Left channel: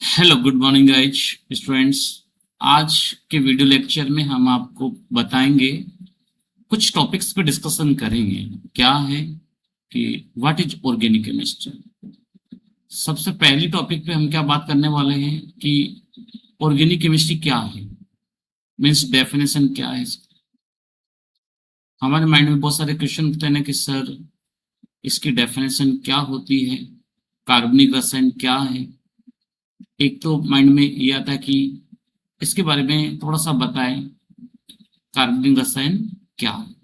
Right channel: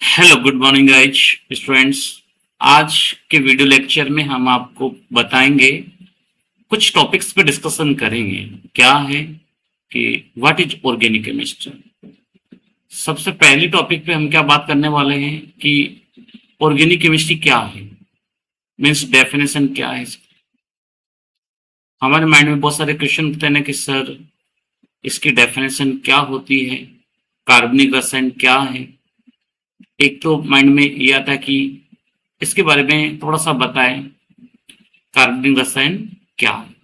Hello good morning guys students. आज के video lecture में हम आपको बताएंगे, कुछ टॉपिक्स पे डिस्कशन करेंगे। क्या है कि व्हाट इज ऑर्गेनिक केमिस्ट्री। सबसे पहली टॉपिक पे हम क्या बात करने वाले हैं कि ऑर्गेनिक केमिस्ट्री क्या है, मीन्स डेफिनेशन क्या है इसकी। हमारे माइंड में बहुत सारे क्वेश्चन उठते हैं कि सर इसकी डेफिनेशन क्या होती है, कार्बनिक रसायन क्या है। एक तो माइंड में ये आता है कि इसके बारे में थोड़ा सा बताएं, कार्बनिक रसायन क्या है।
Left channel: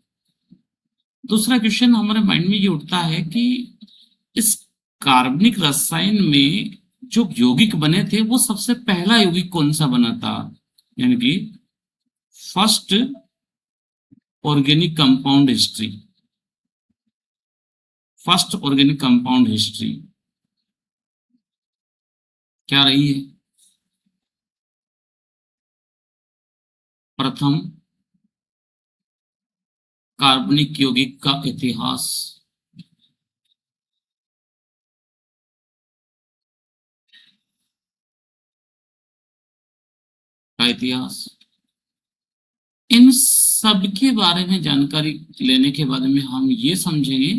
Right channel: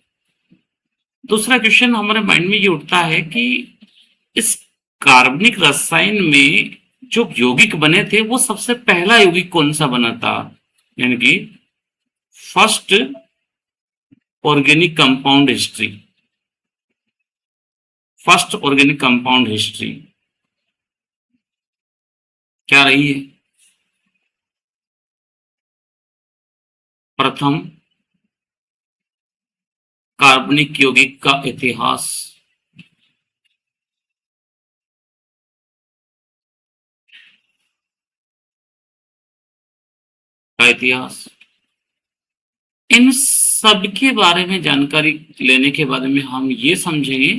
दूसरा क्वेश्चन हमारे माइंड में ये उठता है कि इस कार्बनिक रसायन में जो यौगिक बने थे वो सबसे पहला यौगिक कौन सा बना था, यानी कि first organic compound history. First organic compound history क्या रही है? प्रथम कार्बनिक यौगिक का इतिहास। का इतिहास, इन सब के बारे में जानकारी लेने के बारे में हम ये समझेंगे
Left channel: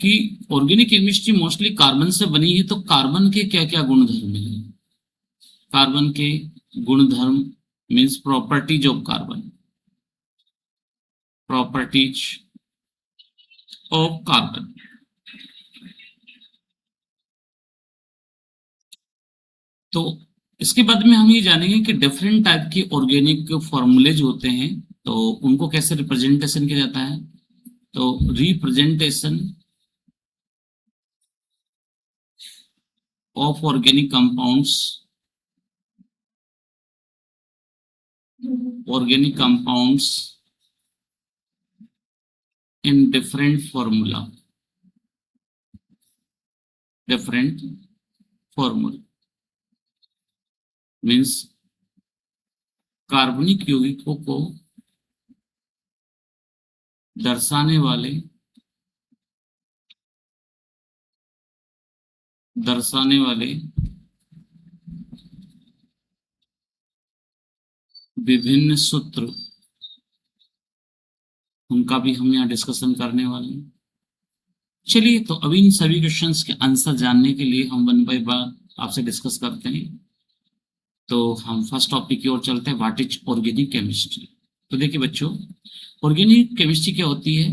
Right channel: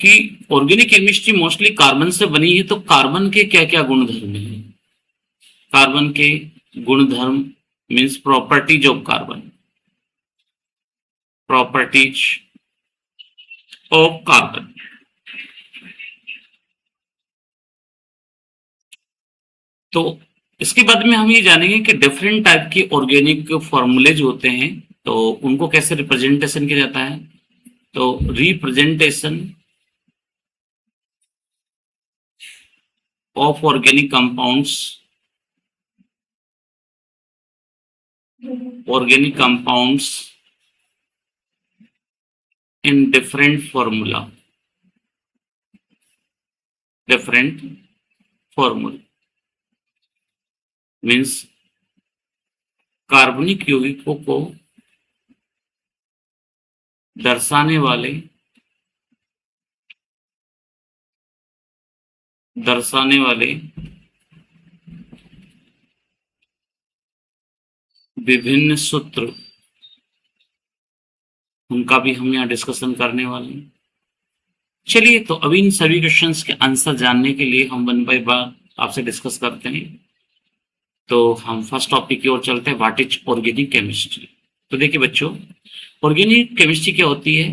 कि ऑर्गेनिक केमिस्ट्री मोस्टली कार्बन से बनी है, तो कार्बन के क्या क्या गुणधर्म हैं। कार्बन के गुणधर्म means properties of carbon. Properties of carbon. तो इसके बाद में हम ये जानेंगे कि डिफरेंट टाइप के ऑर्गेनिक फॉर्मूलेज होते हैं, तो उनको कैसे रिप्रेजेंटेशन किया जाता है। तो representation of organic compounds, organic compounds in different formula, different formula means कार्बनिक यौगिकों को दर्शाने वाले दर्शाने वाले विभिन्न सूत्र, उनका भी हम यहाँ डिस्कशन करने वाले हैं। चलिए, तो अभी इन सभी क्वेश्चंस के आंसर जानने के लिए हम वन बाय वन आपसे डिस्कस करते हैं। तो हम फर्स्ट टॉपिक की ओर चलते हैं, व्हाट इज ऑर्गेनिक केमिस्ट्री। तो देखिए बच्चों, ऑर्गेनिक केमिस्ट्री क्या होती है,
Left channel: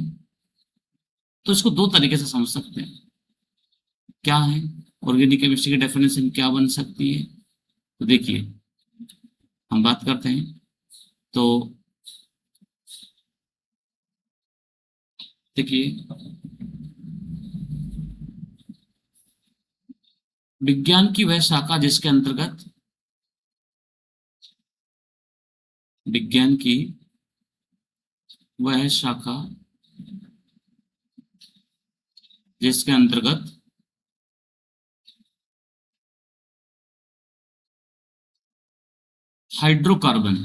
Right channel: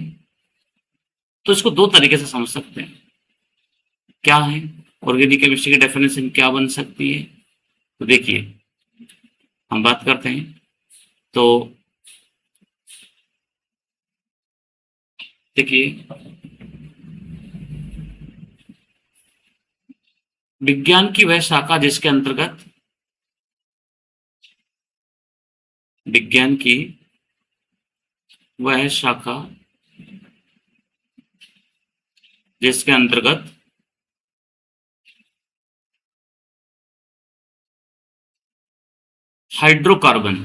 तो इसको दो तरीके से समझ सकते हैं। क्या है ऑर्गेनिक केमिस्ट्री की डेफिनेशन, क्या बन सकती है। तो देखिए, हम बात करते हैं। तो देखिए, विज्ञान की वह शाखा जिसके अंतर्गत, विज्ञान की वह शाखा जिसके अंतर्गत हाइड्रोकार्बन,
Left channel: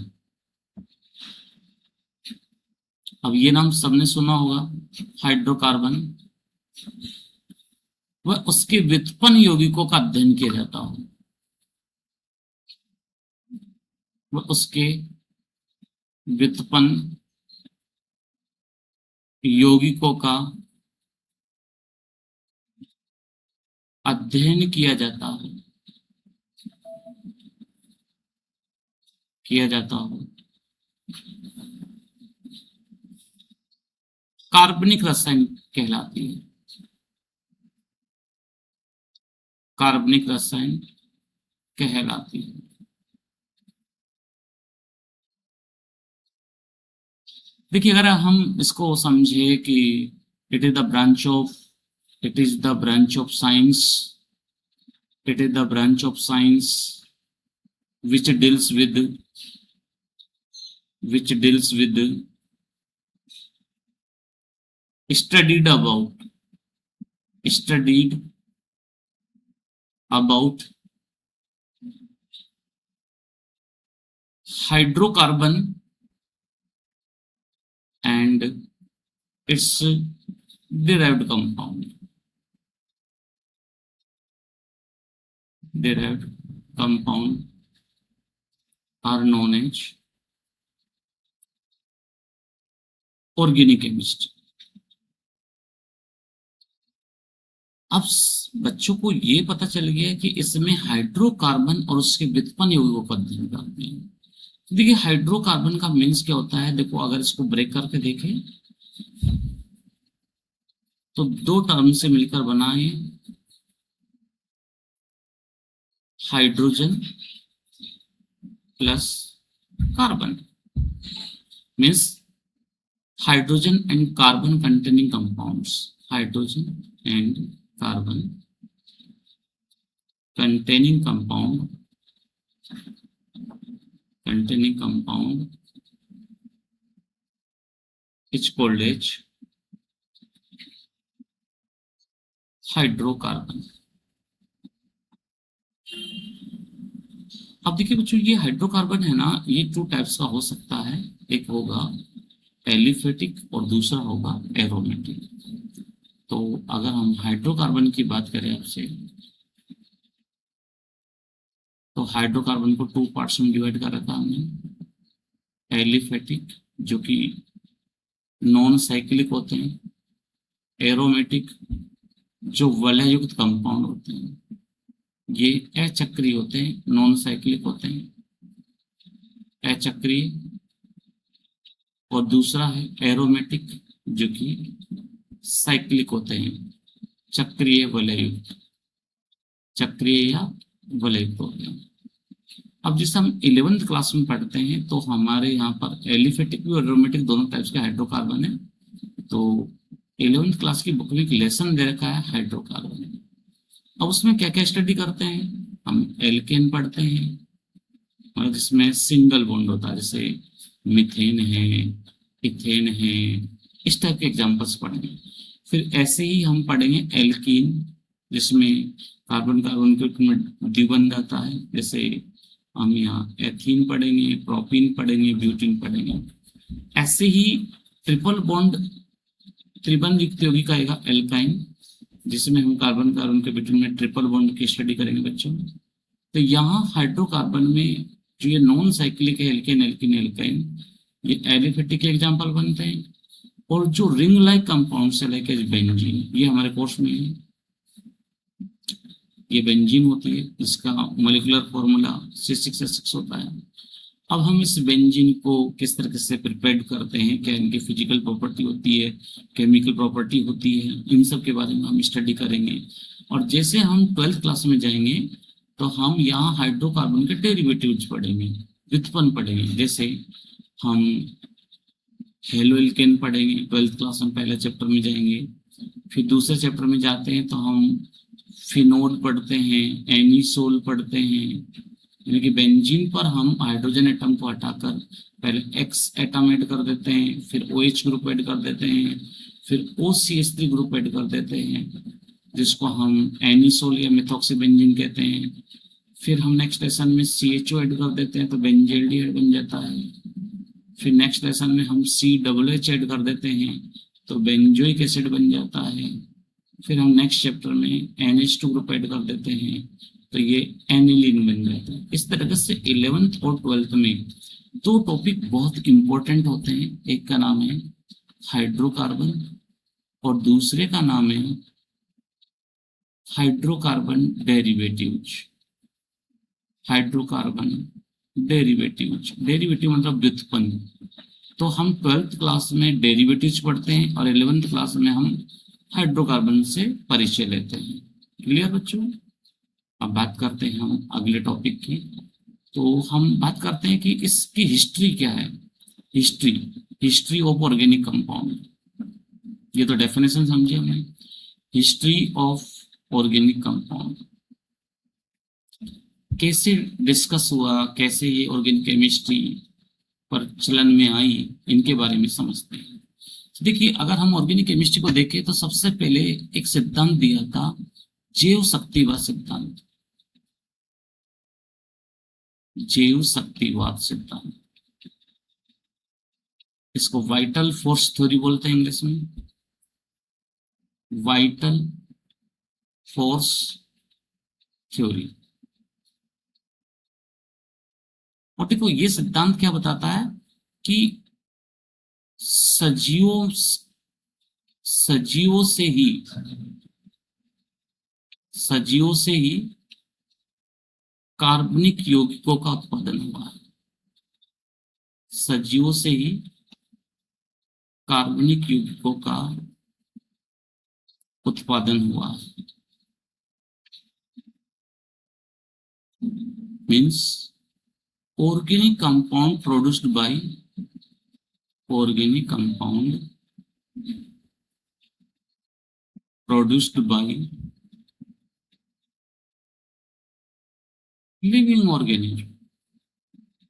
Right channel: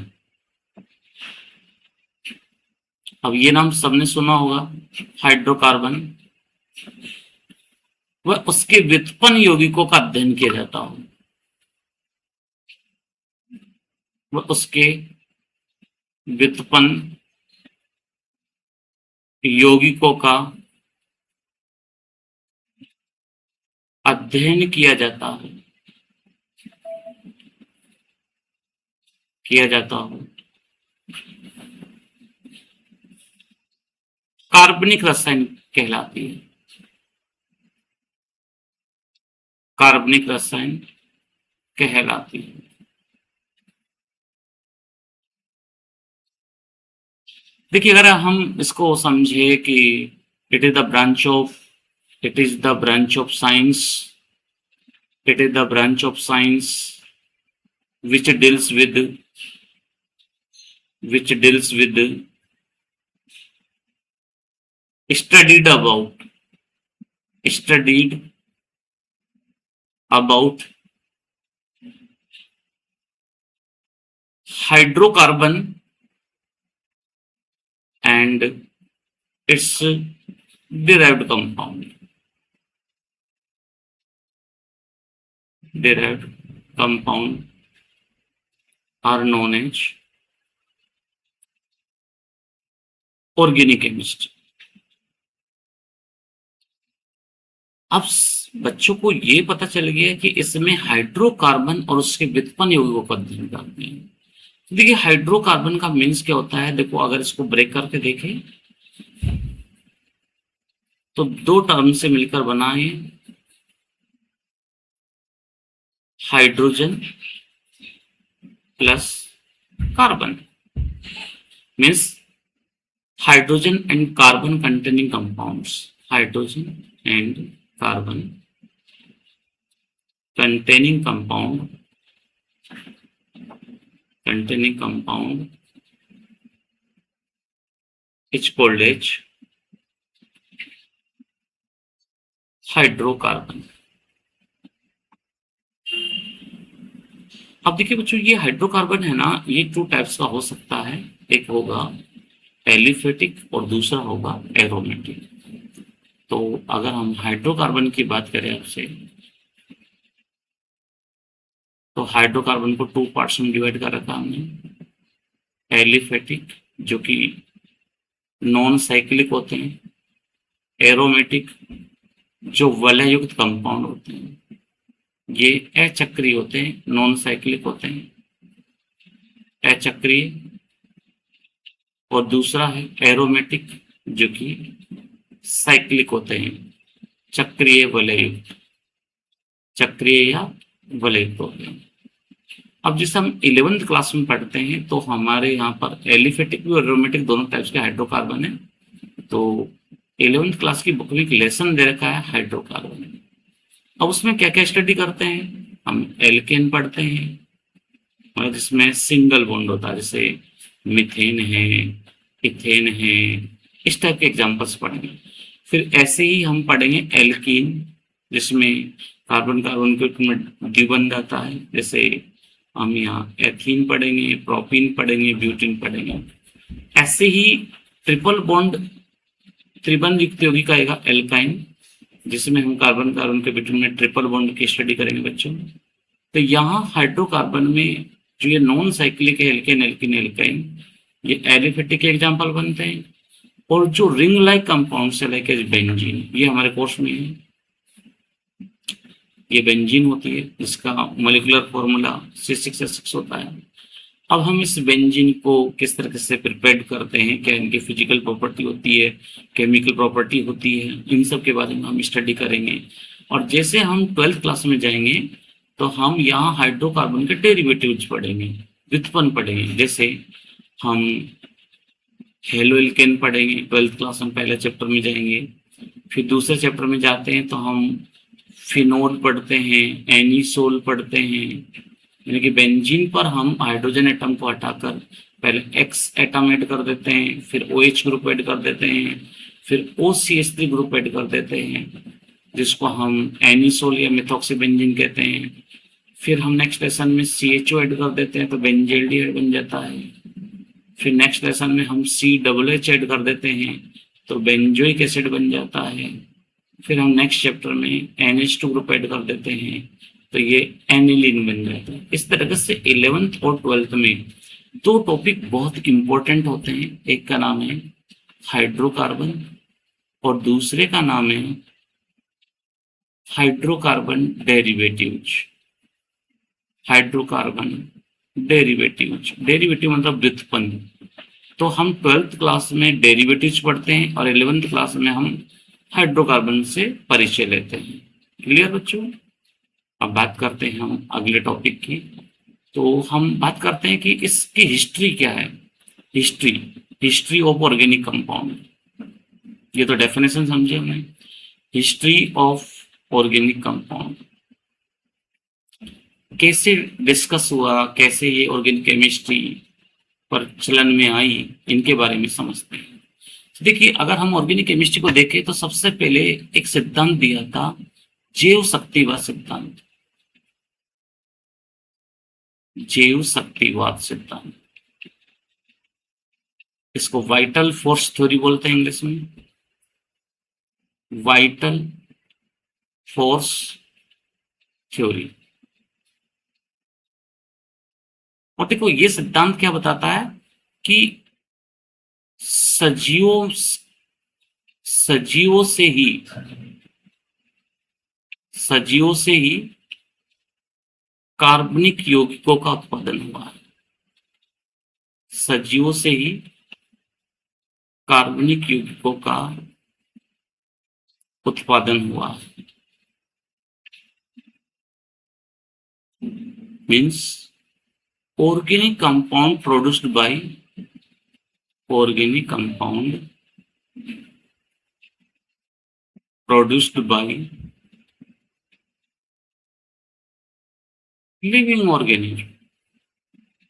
अब ये नाम सबने सुना होगा, हाइड्रोकार्बन, वह उसके व्युत्पन्न यौगिकों का अध्ययन किया जाता हो। वह उसके व्युत्पन्न यौगिकों का अध्ययन किया जाता है, किया जाता हो। कार्बनिक रसायन कहलाती है, कार्बनिक रसायन कहलाती है। देखिए, अगर हम इसको समझे कि it is the branch of, it is the branch of science, it is the branch of science which deals with, which deals with studied about, studied about hydrocarbon and its derived compound, derived compound are known as organic chemistry. अब बच्चों को ये पता चल गया कि इसमें hydrocarbon और उसके व्युत्पन्न यौगिकों का अध्ययन करते हैं। तो देखिए हाइड्रोकार्बन का मीन्स क्या होता है, देखो अगर इसको ब्रेक करके देखें तो दो टर्म से मिलकर बना है hydrogen plus carbon, means hydrogen and carbon containing compounds, hydrogen and carbon containing compound is called as hydrocarbon. अब देखिए बच्चों ये हाइड्रोकार्बन है ना, ये टू टाइप्स का हो सकता है, एक होगा एलिफेटिक और दूसरा होगा एरोमेटिक। तो अगर हम हाइड्रोकार्बन की बात करें आपसे, तो हाइड्रोकार्बन को टू पार्ट्स में डिवाइड कर रखा हमने, एलिफेटिक जो कि नॉन साइक्लिक होते हैं, एरोमेटिक जो वलय युक्त कंपाउंड होते हैं, ये अचक्रीय होते हैं, नॉन साइक्लिक होते हैं, अचक्रीय। और दूसरा है एरोमेटिक जो कि साइक्लिक होते हैं, चक्रीय वलय युक्त, चक्रीय या वलय युक्त होते हैं। अब जैसे हम 11th क्लास में पढ़ते हैं तो हमारे यहाँ पर एलिफेटिक भी और एरोमेटिक दोनों टाइप्स के हाइड्रोकार्बन है। तो 11th क्लास की बुक में एक लेसन दे रखा है हाइड्रोकार्बन। अब उसमें क्या क्या स्टडी करते हैं, हम एल्केन पढ़ते हैं, मतलब जिसमें सिंगल बॉन्ड होता है, जैसे मीथेन है, इथेन है, इस टाइप के एग्जाम्पल्स पढ़ेंगे। फिर ऐसे ही हम पढ़ेंगे एल्कीन, जिसमें कार्बन कार्बन के द्विबंध आता है, जैसे हम यहाँ एथीन पढ़ेंगे, प्रोपीन पढ़ेंगे, ब्यूटीन पढ़ेंगे। ऐसे ही ट्रिपल बॉन्ड त्रिबंध युक्त यौगिक आएगा एल्काइन, जिसमें हम कार्बन कार्बन के बीच में ट्रिपल बॉन्ड की स्टडी करेंगे बच्चों। तो यहाँ हाइड्रोकार्बन में जो ये नॉन साइक्लिक है एल्केन एल्कीन एल्काइन, ये एलिफेटिक के एग्जाम्पल बनते हैं। और जो रिंग लाइक कंपाउंड है लाइक एज बेंजीन, ये हमारे कोर्स में है, ये बेंजीन होती है, इसका मोलिकुलर फॉर्मूला C6H6 होता है। अब हम इस बेंजीन को किस तरह से प्रिपेयर करते हैं, क्या इनकी फिजिकल प्रॉपर्टी होती है, केमिकल प्रॉपर्टी होती है, इन सब के बारे में हम स्टडी करेंगे। और जैसे हम 12th क्लास में जाएंगे तो हम यहाँ हाइड्रोकार्बन के डेरिवेटिव्स पढ़ेंगे, व्युत्पन्न पढ़ेंगे। जैसे हम हेलोएल्केन पढ़ेंगे 12th क्लास में, पहले चैप्टर में जाएंगे। फिर दूसरे चैप्टर में जाते हैं तो हम फिनोल पढ़ते हैं, एनिसोल पढ़ते हैं, यानी कि बेंजीन पर हम हाइड्रोजन एटम को हटाकर पहले एक्स एटम ऐड कर देते हैं, फिर OH ग्रुप ऐड कर देते हैं, फिर OCH3 ग्रुप ऐड कर देते हैं, जिसको हम एनिसोल या मेथॉक्सीबेंजीन कहते हैं। फिर हम नेक्स्ट लेसन में CHO ऐड कर देते हैं तो बेंजेल्डिहाइड बन जाता है। फिर नेक्स्ट लेसन में हम COOH ऐड कर देते हैं तो बेंजोइक एसिड बन जाता है। फिर हम नेक्स्ट चैप्टर में NH2 ग्रुप ऐड कर देते हैं तो ये एनिलीन बन जाता है। इस तरह से 11th और 12th में दो टॉपिक बहुत इंपॉर्टेंट होते हैं, एक का नाम है हाइड्रोकार्बन और दूसरे का नाम है hydrocarbon derivatives. Hydrocarbon derivatives, derivative मतलब व्युत्पन्न। तो हम 12th क्लास में डेरिवेटिव्स पढ़ते हैं और 11th क्लास में हम हाइड्रोकार्बन से परिचय लेते हैं। क्लियर बच्चों? अब बात करते हैं हम अगले टॉपिक की। तो हम बात करते हैं कि इसकी हिस्ट्री क्या है। हिस्ट्री ऑफ ऑर्गेनिक कंपाउंड, ये तो डेफिनेशन समझे हमने। हिस्ट्री ऑफ ऑर्गेनिक कंपाउंड कैसे डिस्कस हुआ, कैसे ये ऑर्गेनिक केमिस्ट्री पर चलन में आई, इनके बारे में समझते हैं। देखिए अगर हम ऑर्गेनिक केमिस्ट्री को देखें तो सबसे पहले एक सिद्धांत दिया था, जैव शक्तिवाद सिद्धांत। जैव शक्तिवाद सिद्धांत, इसको वाइटल फोर्स थ्योरी बोलते हैं इंग्लिश में, वाइटल फोर्स थ्योरी। और देखो ये सिद्धांत क्या बताता है कि सजीवों सजीवों से ही सजीवों से ही कार्बनिक यौगिकों का उत्पादन हुआ है। सजीवों से ही कार्बनिक यौगिकों का उत्पादन हुआ है। Means organic compound produced by organic compound produced by living organism।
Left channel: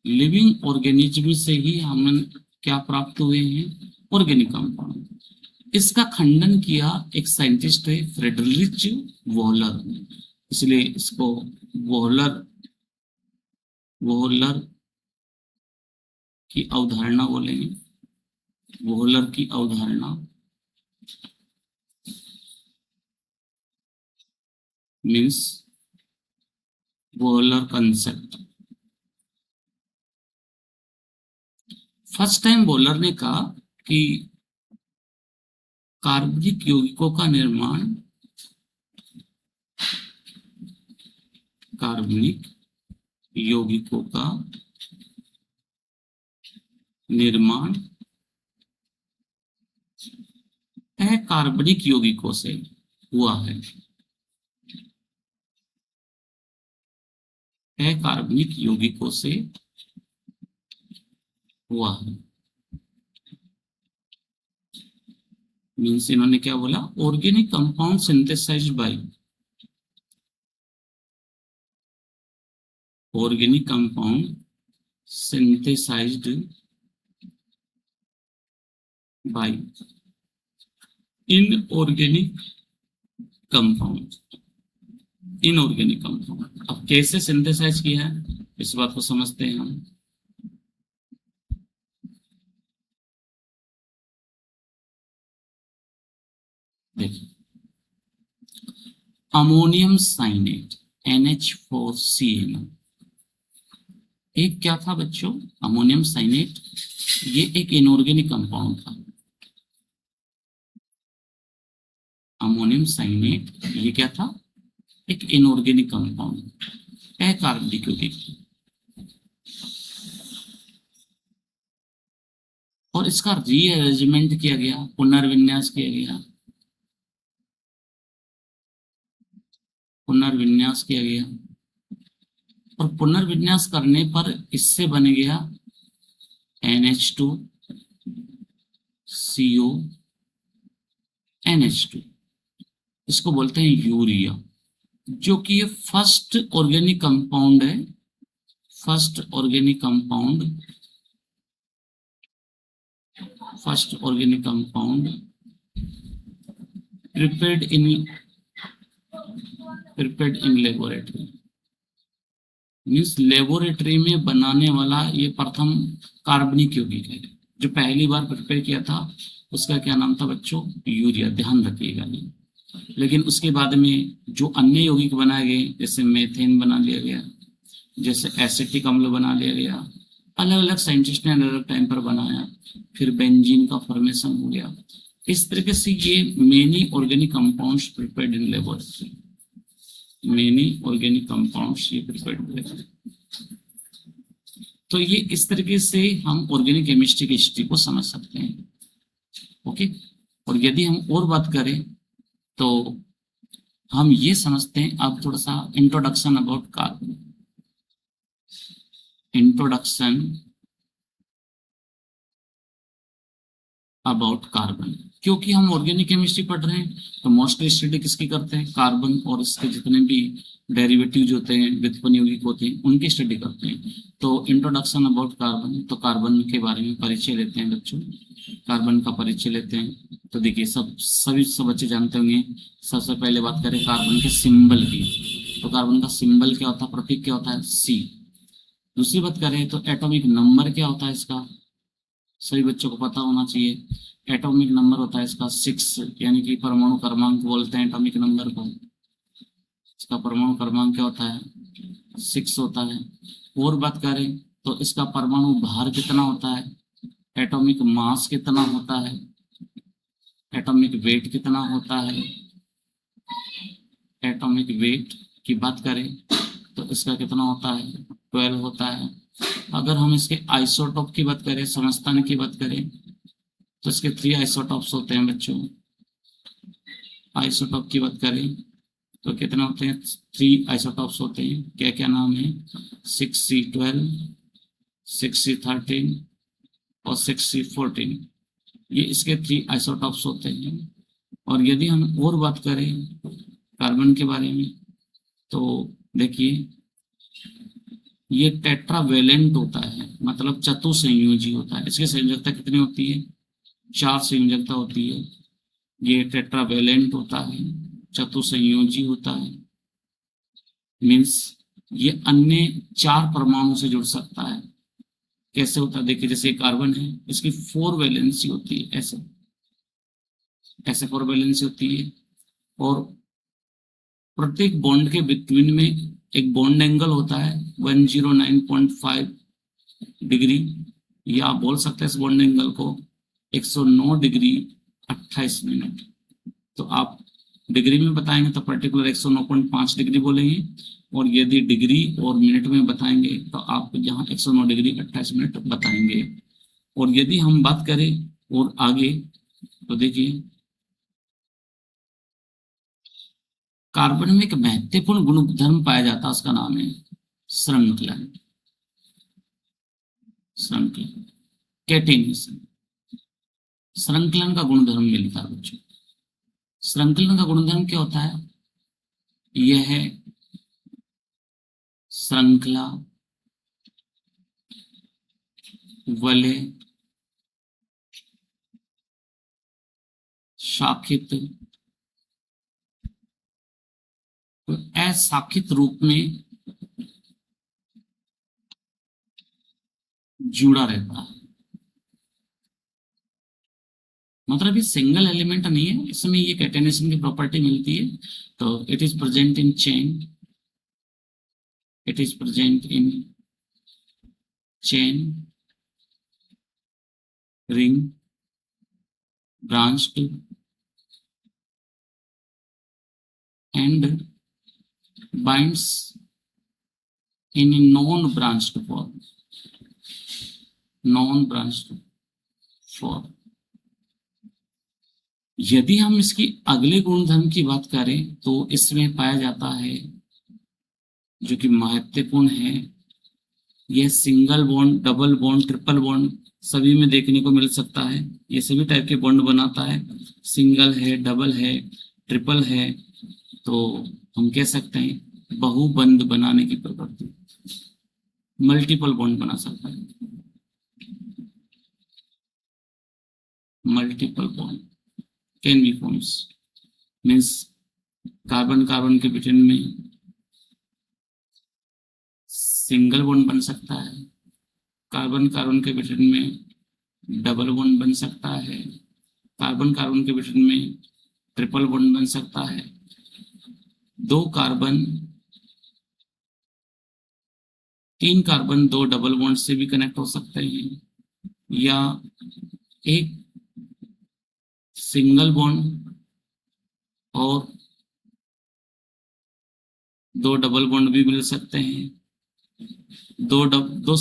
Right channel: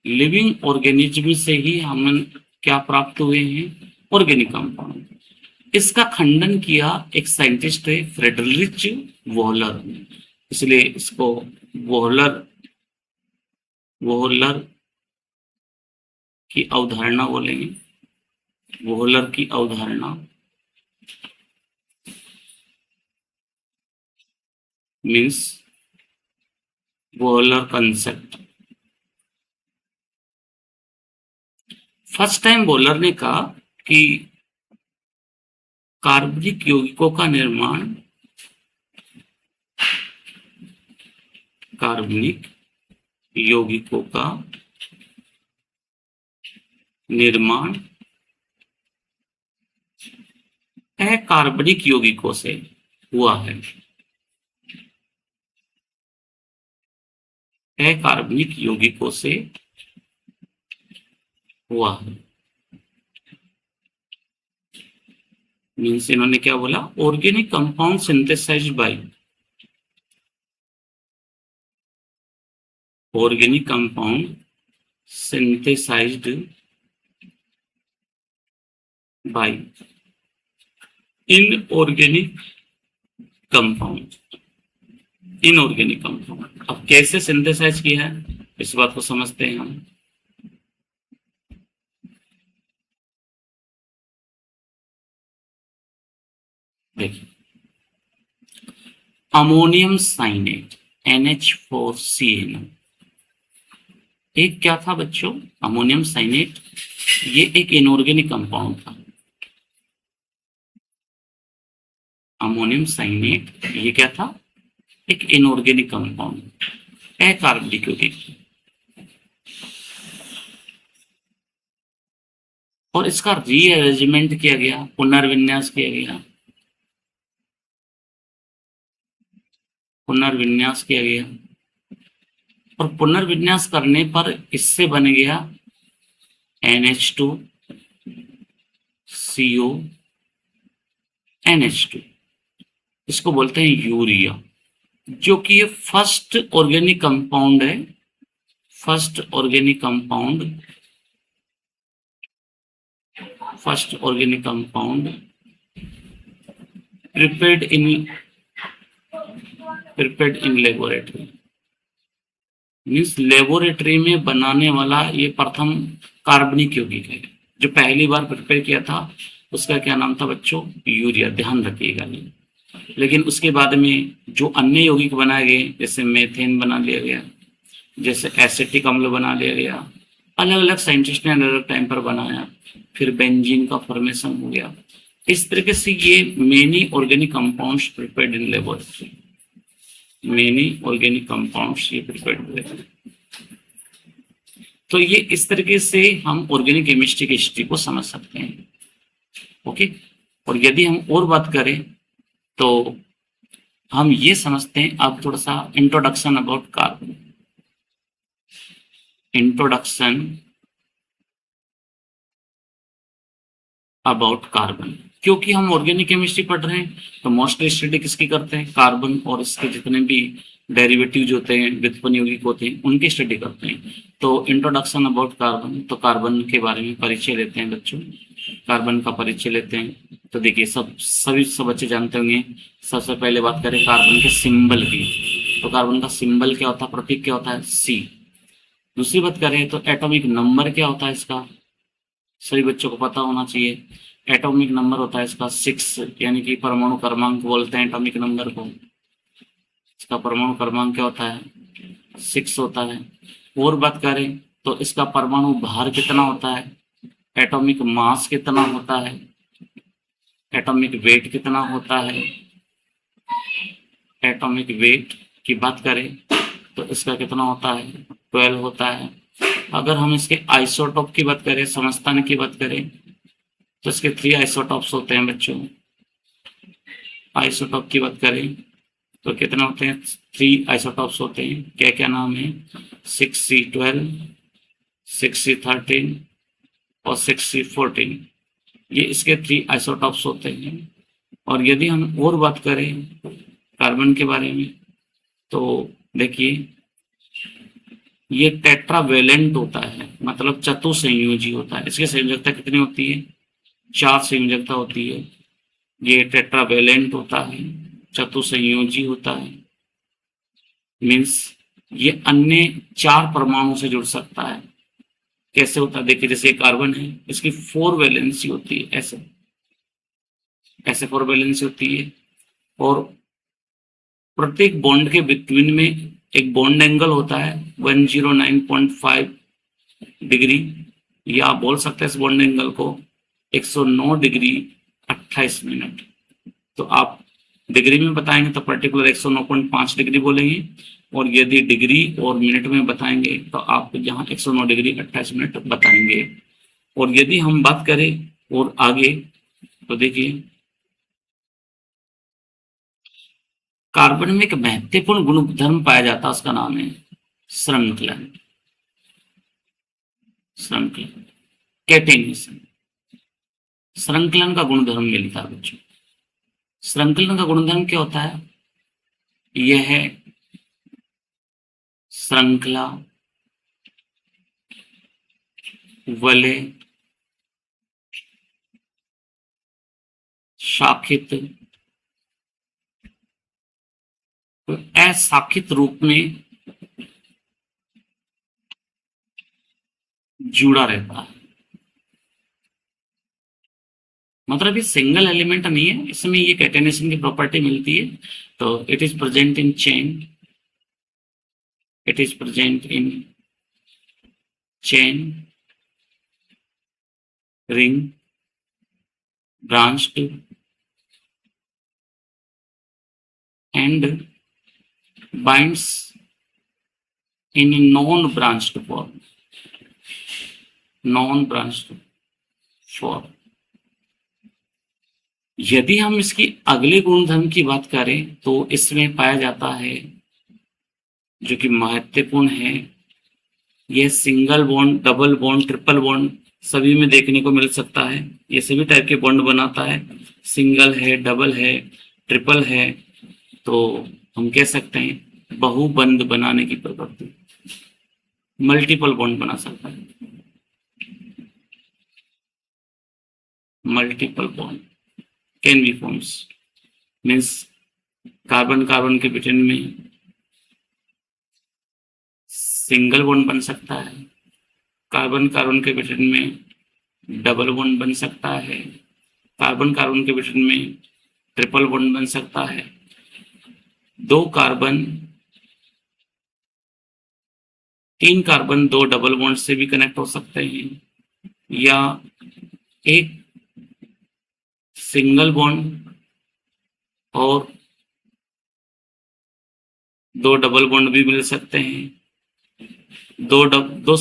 Living organism से ही हमें क्या प्राप्त हुए हैं? Organic compound. इसका खंडन किया एक साइंटिस्ट है फ्रेडरिच वोहलर। इसलिए इसको वोहलर वोहलर की अवधारणा बोलेंगे। वोहलर की अवधारणा means Wohler concept. First time Wohler ने कहा कि कार्बनिक यौगिकों का निर्माण कार्बनिक यौगिकों का निर्माण अकार्बनिक यौगिकों से हुआ है। अकार्बनिक यौगिकों से हुआ है। मीन्स इन्होंने क्या बोला? Organic compound synthesised by organic compound synthesized by inorganic compound। Inorganic compound अब कैसे सिंथेसाइज किया है इस बात को समझते हैं हम। देखिए अमोनियम साइनेट NH4CnO एक क्या था बच्चों? Ammonium cyanate. ये एक इनऑर्गेनिक कंपाउंड था। अमोनियम साइनेट ये क्या था? एक इनऑर्गेनिक कंपाउंड अकार्बनिक यौगिक। और इसका रीअरेंजमेंट किया गया, पुनर्विन्यास किया गया। पुनर्विन्यास किया गया और पुनर्विन्यास करने पर इससे बन गया NH2CO NH2। इसको बोलते हैं यूरिया, जो कि ये फर्स्ट ऑर्गेनिक कंपाउंड है। First organic compound prepared in laboratory. Means laboratory में बनाने वाला ये प्रथम कार्बनिक यौगिक है। जो पहली बार प्रिपेयर किया था उसका क्या नाम था बच्चों? यूरिया। ध्यान रखिएगा ये। लेकिन उसके बाद में जो अन्य यौगिक बनाए गए, जैसे मेथेन बना लिया गया, जैसे एसिटिक अम्ल बना लिया गया, अलग अलग साइंटिस्ट ने अलग अलग टाइम पर बनाया। फिर बेंजीन का फॉर्मेशन हो गया। इस तरीके से ये many organic compounds prepared in laboratory. Many organic compounds ये प्रिपेयर्ड हुए। तो ये इस तरीके से हम ऑर्गेनिक केमिस्ट्री की हिस्ट्री को समझ सकते हैं। ओके। और यदि हम और बात करें तो हम ये समझते हैं अब थोड़ा सा introduction about carbon. Introduction about carbon. क्योंकि हम ऑर्गेनिक केमिस्ट्री पढ़ रहे हैं तो मोस्टली स्टडी किसकी करते हैं? कार्बन और इसके जितने भी डेरिवेटिव जो होते हैं, व्युत्पन्न यौगिक होते हैं, उनकी स्टडी करते हैं। तो इंट्रोडक्शन अबाउट कार्बन, तो कार्बन के बारे में परिचय लेते हैं बच्चों। कार्बन का परिचय लेते हैं तो देखिए सब बच्चे जानते होंगे। सबसे पहले बात करें कार्बन के सिंबल की, तो कार्बन का सिंबल क्या होता है? प्रतीक क्या होता है? C। दूसरी बात करें तो एटॉमिक नंबर क्या होता है इसका? सभी बच्चों को पता होना चाहिए। एटॉमिक नंबर होता है इसका 6, यानी कि परमाणु क्रमांक बोलते हैं एटॉमिक नंबर को। इसका परमाणु क्रमांक क्या होता है? 6 होता है। और बात करें तो इसका परमाणु भार कितना होता है, एटॉमिक मास कितना होता है, एटॉमिक वेट कितना होता है। एटॉमिक वेट की बात करें तो इसका कितना होता है, 12 होता है। अगर हम इसके आइसोटॉप की बात करें, समस्थानिक की बात करें, तो इसके 3 आइसोटॉप्स होते हैं बच्चों। आइसोटॉप की बात करें तो कितना होते हैं, 3 आइसोटॉप्स होते हैं। क्या क्या नाम है, 6C12, 6C13 और 6C14। ये इसके 3 आइसोटॉप्स होते हैं। और यदि हम और बात करें कार्बन के बारे में, तो देखिए ये टेट्रावेलेंट होता है, मतलब चतुसंयोजी होता है। इसकी संयोजकता कितनी होती है, 4 संयोजकता होती है। ये टेट्रावेलेंट होता है, चतुसंयोजी होता है। मीन्स ये अन्य 4 परमाणु से जुड़ सकता है। कैसे होता है, देखिए जैसे कार्बन है, इसकी 4 वैलेंसी होती है, ऐसे ऐसे 4 वैलेंसी होती है। और प्रत्येक बॉन्ड के बिटवीन में एक बॉन्ड एंगल होता है 109.5 डिग्री, या आप बोल सकते हैं इस बॉन्ड एंगल को 109 डिग्री 28 मिनट। तो आप डिग्री में बताएंगे तो पर्टिकुलर 109.5 डिग्री बोलेंगे, और यदि डिग्री और मिनट में बताएंगे तो आप यहाँ 109 डिग्री 28 मिनट बताएंगे। और यदि हम बात करें और आगे, तो देखिए कार्बन में एक महत्वपूर्ण गुणधर्म पाया जाता है, उसका नाम है श्रृंखलन। श्रृंखलन, कैटेनेशन, श्रृंखलन का गुणधर्म मिलता है बच्चों। श्रृंखलन का गुणधर्म क्या होता है, यह है श्रृंखला वलय शाखित अशाखित रूप में जुड़ा रहता है। मतलब ये सिंगल एलिमेंट नहीं है, इसमें ये कैटेनेशन की प्रॉपर्टी मिलती है। तो it is present in chain, it is present in chain, ring, branched and binds in a non-branched form, non-branched form। यदि हम इसकी अगले गुणधर्म की बात करें तो इसमें पाया जाता है, जो कि महत्वपूर्ण है, यह single bond, double bond, triple bond सभी में देखने को मिल सकता है। ये सभी टाइप के बॉन्ड बनाता है, सिंगल है, डबल है, ट्रिपल है। तो हम कह सकते हैं बहुबंध बनाने की प्रवृत्ति, मल्टीपल बॉन्ड बना सकता है, multiple bond can be forms. Means carbon carbon के बिटवीन में सिंगल बॉन्ड बन सकता है, कार्बन कार्बन के बिटवीन में डबल बॉन्ड बन सकता है, कार्बन कार्बन के बिटवीन में ट्रिपल बॉन्ड बन सकता है, 2 कार्बन 3 कार्बन 2 डबल बॉन्ड से भी कनेक्ट हो सकते हैं, या एक सिंगल बॉन्ड और 2 डबल बॉन्ड भी मिल सकते हैं, दो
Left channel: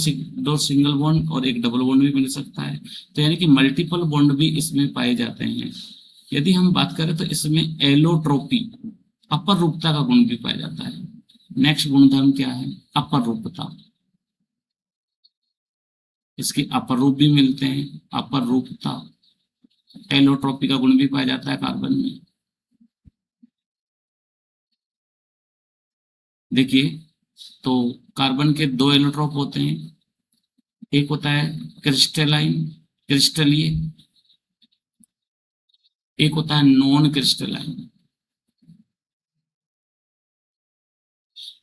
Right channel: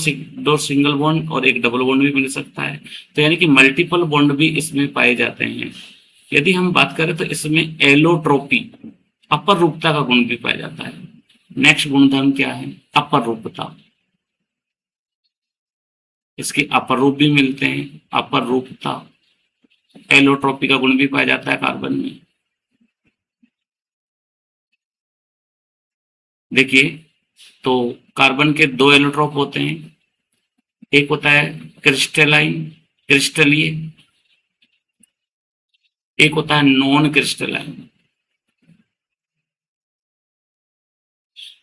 सिंगल बॉन्ड और एक डबल बॉन्ड भी मिल सकता है। तो यानी कि मल्टीपल बॉन्ड भी इसमें पाए जाते हैं। यदि हम बात करें तो इसमें एलोट्रोपी, अपर रूपता का गुण भी पाया जाता है। नेक्स्ट गुणधर्म क्या है, अपर रूपता। इसके अपर रूप भी मिलते हैं, अपर रूपता, एलोट्रोपी का गुण भी पाया जाता है कार्बन में। देखिए तो कार्बन के 2 एलोट्रोप होते हैं, एक होता है क्रिस्टलाइन, क्रिस्टलीय, एक होता है नॉन क्रिस्टलाइन।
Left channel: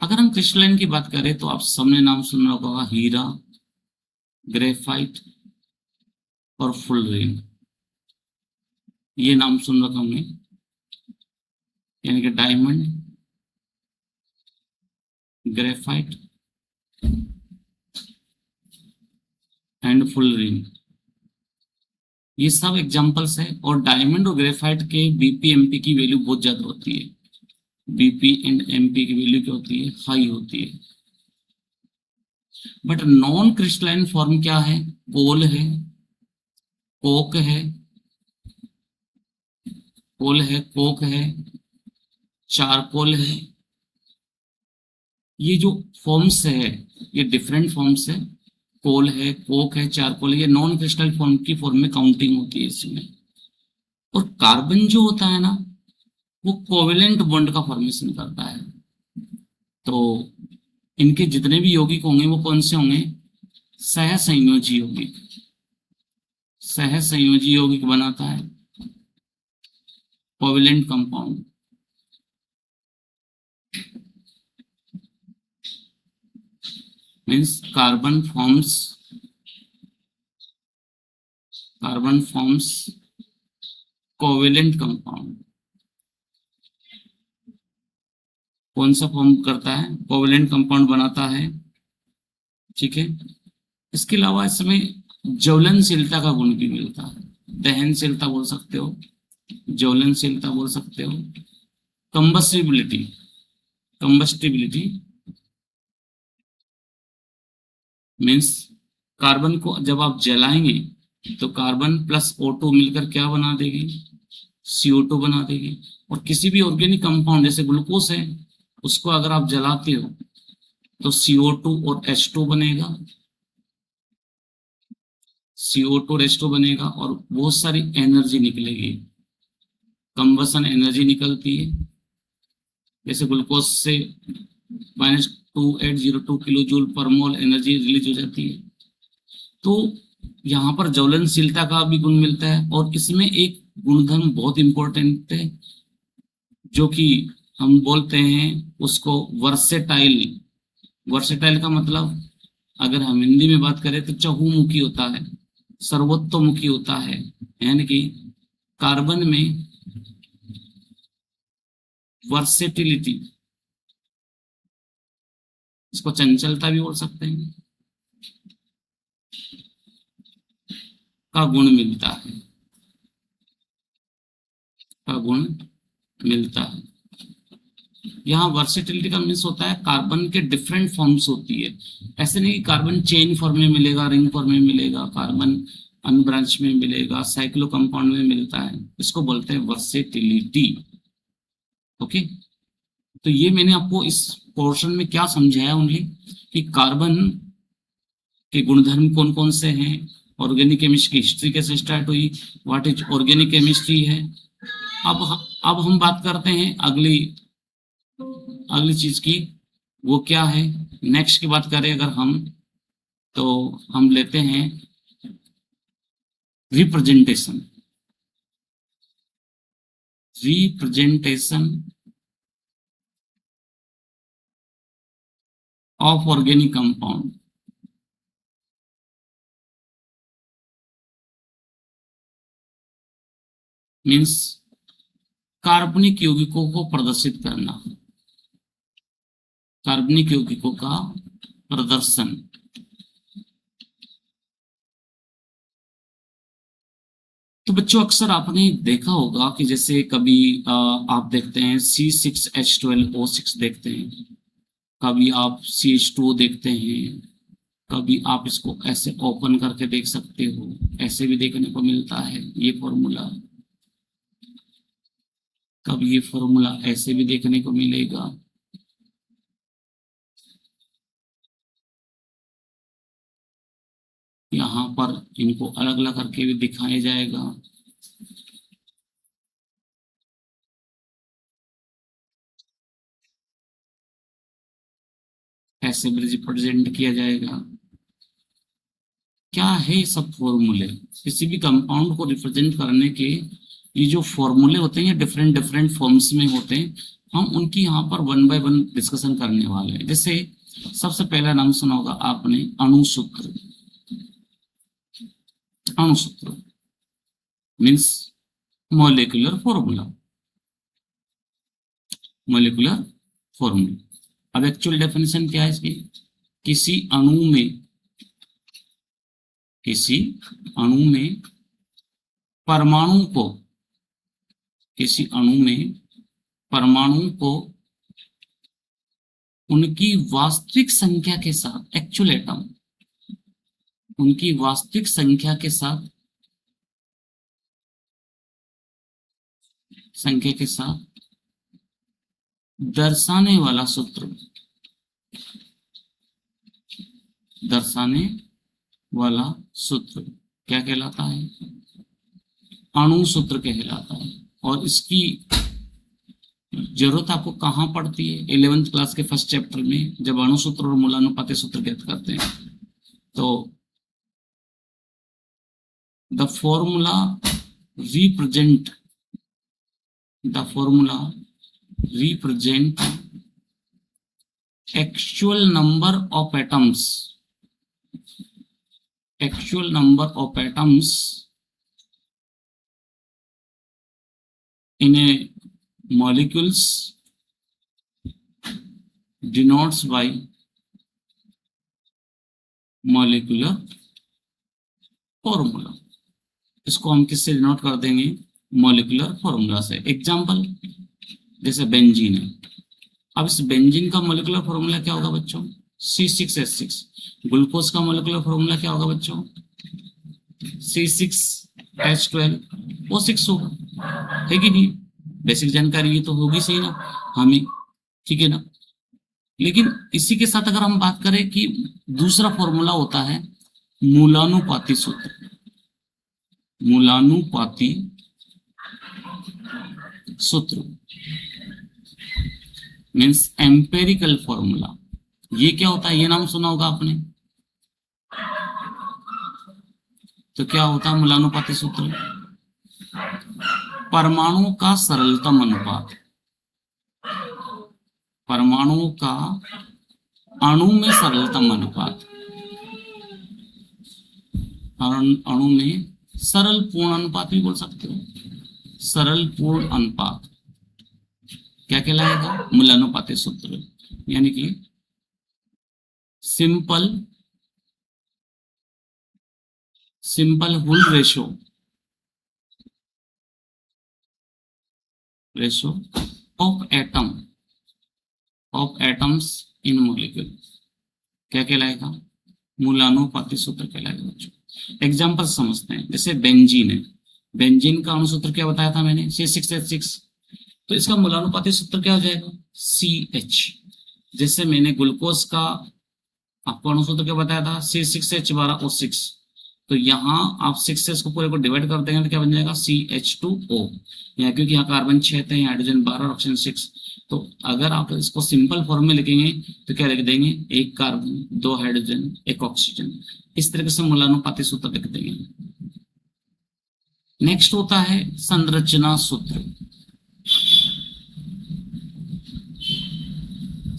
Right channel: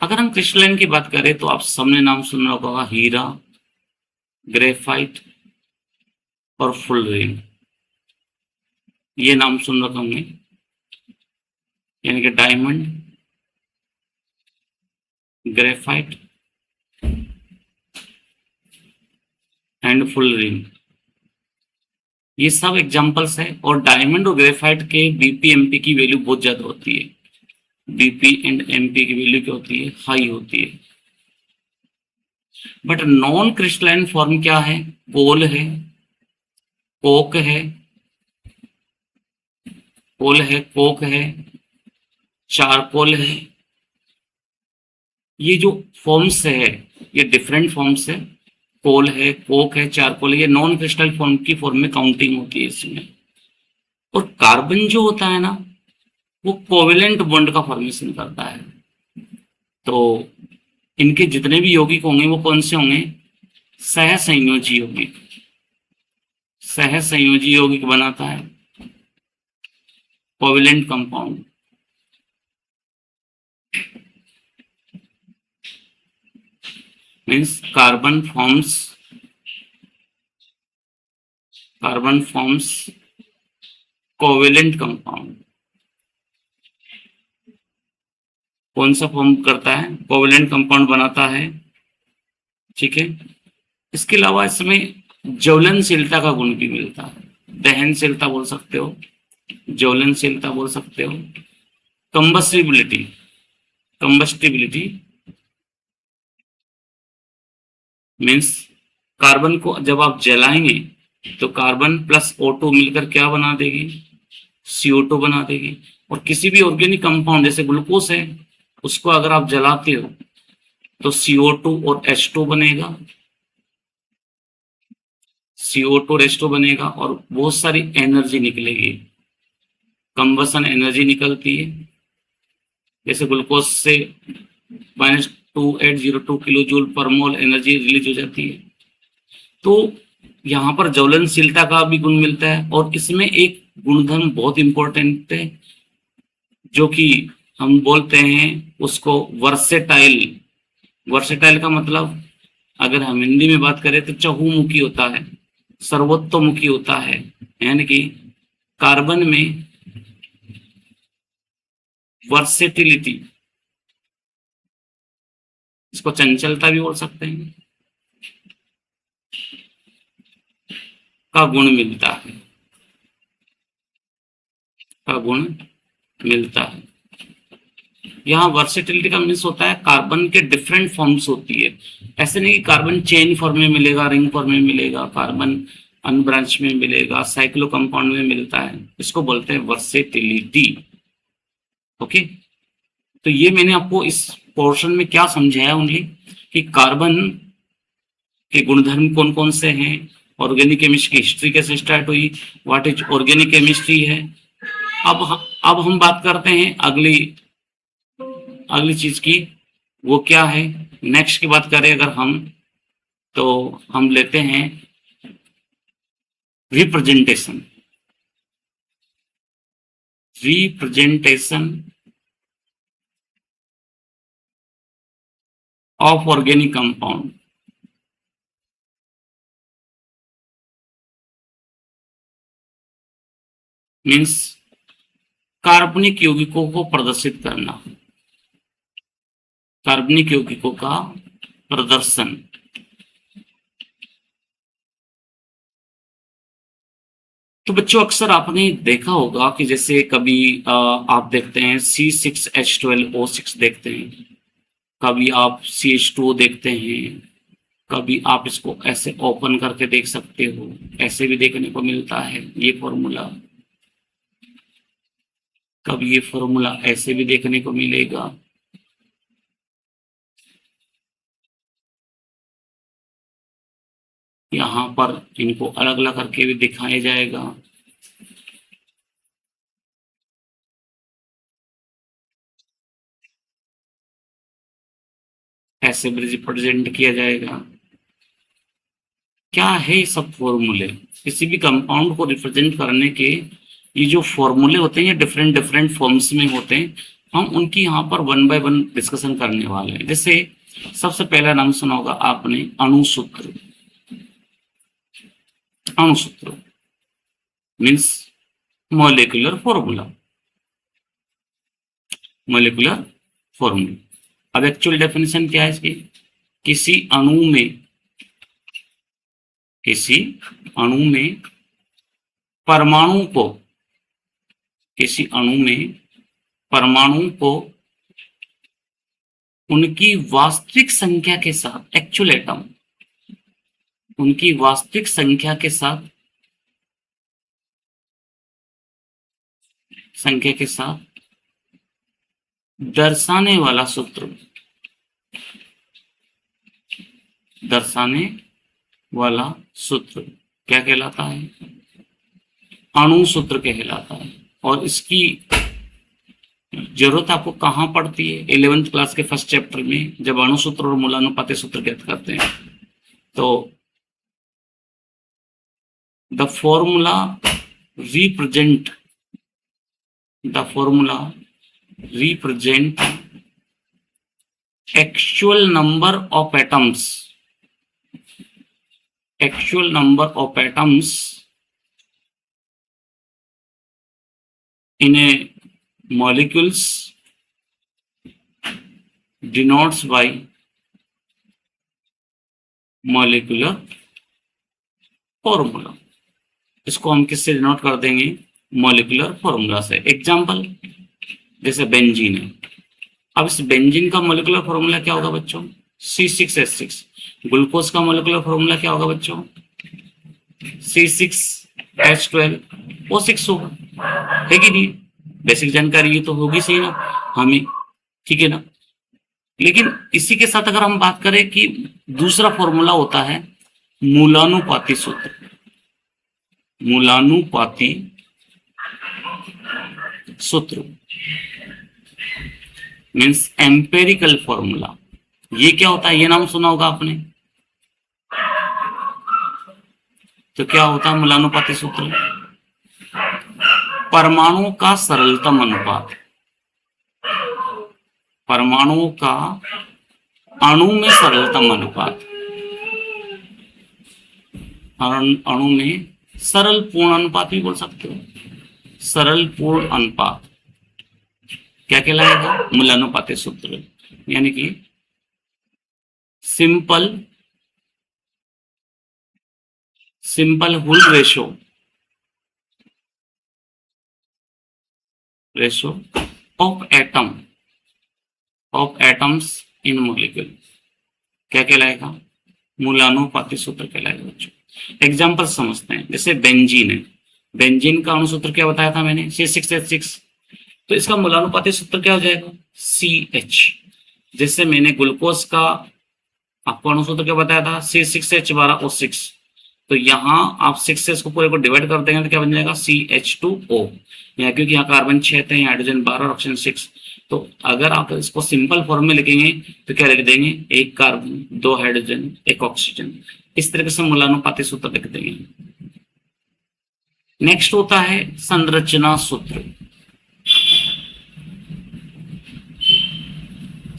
अगर हम क्रिस्टलाइन की बात करें तो आप सबने नाम सुना होगा, हीरा, ग्रेफाइट और फुलरिन, ये नाम सुन रखा हमने। यानी कि diamond, graphite, and full ring, ये सब एग्जांपल्स है। और डायमंड और ग्रेफाइट के बीपी एमपी की वैल्यू बहुत ज्यादा होती है, बीपी एंड एमपी की वैल्यू क्या होती है, हाई होती है। बट नॉन क्रिस्टलाइन फॉर्म क्या है, कोल है, कोक है, कोल है, कोक है, चारकोल है। ये जो फॉर्म्स है ये डिफरेंट फॉर्म्स है, कोल है, कोक है, चारकोल है, ये नॉन क्रिस्टल फॉर्म की फॉर्म में काउंटिंग होती है इसमें। और कार्बन जो होता है ना, वो कोवेलेंट बॉन्ड का फॉर्मेशन करता है। तो इनके जितने भी यौगिक होंगे वो कौन से होंगे, सहसंयोजी यौगिक, सहसंयोजी यौगिक बनाता है covalent compound. Means carbon forms covalent compound. कौन सा फॉर्म करता है, कोवेलेंट कंपाउंड बनाता है, ठीक है। इसके अलावा इसमें ज्वलनशीलता का गुण भी मिलता है, दहनशीलता बोल सकते हो, ज्वलनशीलता बोल सकते हो, कंबस्टिबिलिटी, कंबस्टिबिलिटी मीन्स कार्बन को जब आप जलाएंगे तो कार्बन प्लस O2 मिलकर क्या बना देगी, CO2 बना देगी। और किसी भी ऑर्गेनिक कंपाउंड जैसे ग्लूकोज है, उसको अगर आप जलाते हो तो CO2 और H2 बनेगा, CO2 और H2 बनेगा और बहुत सारी एनर्जी निकलेगी, कंबसन एनर्जी निकलती है। जैसे ग्लूकोज से -2802 किलो जूल पर मोल एनर्जी रिलीज हो जाती है। तो यहाँ पर ज्वलनशीलता का भी गुण मिलता है। और इसमें एक गुणधर्म बहुत इंपॉर्टेंट है जो कि हम बोलते हैं उसको वर्सेटाइल। वर्सेटाइल का मतलब अगर हम हिंदी में बात करें तो चहुमुखी होता है, सर्वतोमुखी होता है। यानी कि कार्बन में वर्सेटिलिटी, इसको चंचलता भी बोल सकते हैं, का गुण मिलता है, का गुण मिलता है। यहाँ वर्सेटिलिटी का मीन्स होता है कार्बन के डिफरेंट फॉर्म्स होती है। ऐसे नहीं कि कार्बन चेन फॉर्म में मिलेगा, रिंग फॉर्म में मिलेगा, कार्बन अनब्रांच में मिलेगा, साइक्लो कंपाउंड में मिलता है, इसको बोलते हैं वर्सेटिलिटी। ओके, तो ये मैंने आपको इस पोर्शन में क्या समझाया ओनली कि कार्बन के गुणधर्म कौन कौन से हैं, ऑर्गेनिक केमिस्ट्री की हिस्ट्री कैसे स्टार्ट हुई, व्हाट इज ऑर्गेनिक केमिस्ट्री है। अब हम बात करते हैं अगली अगली चीज की, वो क्या है। नेक्स्ट की बात करें अगर हम, तो हम लेते हैं representation, representation of organic compound. Means कार्बनिक यौगिकों को प्रदर्शित करना, कार्बनिक यौगिकों का प्रदर्शन। तो बच्चों अक्सर आपने देखा होगा कि जैसे कभी आप देखते हैं C6H12O6 देखते हैं, कभी आप CH2O देखते हैं, कभी आप इसको ऐसे ओपन करके देख सकते हो, ऐसे भी देखने को मिलता है ये फॉर्मूला, कभी ये फॉर्मूला ऐसे भी देखने को मिलेगा। यहाँ पर इनको अलग अलग करके भी दिखाया जाएगा। ऐसे भी रिप्रेजेंट किया जाएगा। क्या है ये सब फॉर्मूले, किसी भी कंपाउंड को रिप्रेजेंट करने के ये जो फॉर्मूले होते हैं ये डिफरेंट डिफरेंट फॉर्म्स में होते हैं। हम उनकी यहाँ पर वन बाय वन डिस्कशन करने वाले हैं। जैसे सबसे पहला नाम सुना होगा आपने, अणुसूत्र। अणुसूत्र means molecular formula, molecular formula. अब एक्चुअल डेफिनेशन क्या है इसकी, किसी अणु में किसी अणु में परमाणु को, किसी अणु में परमाणु को उनकी वास्तविक संख्या के साथ, एक्चुअल एटम, उनकी वास्तविक संख्या के साथ, दर्शाने वाला सूत्र, दर्शाने वाला सूत्र क्या कहलाता है? अणु सूत्र कहलाता है। और इसकी जरूरत आपको कहाँ पड़ती है? 11th क्लास के फर्स्ट चैप्टर में जब अणु सूत्र और मूलानुपाती सूत्र ज्ञात करते हैं तो the formula represent actual number of atoms in a molecules denotes by molecular formula। इसको हम किससे डिनोट कर देंगे? मॉलिक्यूलर फॉर्मूला से। एग्जांपल जैसे बेंजीन है। अब इस बेंजीन का मॉलिक्यूलर फॉर्मूला क्या होगा बच्चों? C6H6। ग्लूकोज का मॉलिक्यूलर फॉर्मूला क्या होगा बच्चों? C6H12O6 होगा, है कि नहीं? बेसिक जानकारी ये तो होगी सही ना हमें, ठीक है ना। लेकिन इसी के साथ अगर हम बात करें कि दूसरा फॉर्मूला होता है मूलानुपाती सूत्र। मूलानुपाती सूत्र मीन्स एम्पेरिकल फॉर्मूला। ये क्या होता है? ये नाम सुना होगा आपने। तो क्या होता है मूलानुपाती सूत्र? परमाणु का सरलतम अनुपात, परमाणु का अणु में सरलतम अनुपात, अणु में सरल पूर्ण अनुपात भी बोल सकते हो। सरल पूर्ण अनुपात क्या कहलाएगा? मूलानुपाती सूत्र, यानी कि simple whole ratio of atoms in molecule क्या कहलाएगा? मूलानुपाती सूत्र कहलाएगा बच्चों। एग्जाम्पल समझते हैं। जैसे बेंजीन है, बेंजीन का अणुसूत्र क्या बताया था मैंने? C6H6। तो इसका मूलानुपाती सूत्र क्या हो जाएगा? CH। जैसे मैंने ग्लूकोज का आपको अणुसूत्र क्या बताया था? C6H12O6। तो यहाँ आप 6 को पूरे को डिवाइड कर देंगे तो क्या बन जाएगा? CH2O। यहाँ क्योंकि यहाँ कार्बन 6 थे, हाइड्रोजन 12 और ऑक्सीजन 6। तो अगर आप इसको सिंपल फॉर्म में लिखेंगे तो क्या लिख देंगे? 1 कार्बन, 2 हाइड्रोजन, 1 ऑक्सीजन। इस तरीके से मूलानुपाती सूत्र लिख देंगे। नेक्स्ट होता है संरचना सूत्र।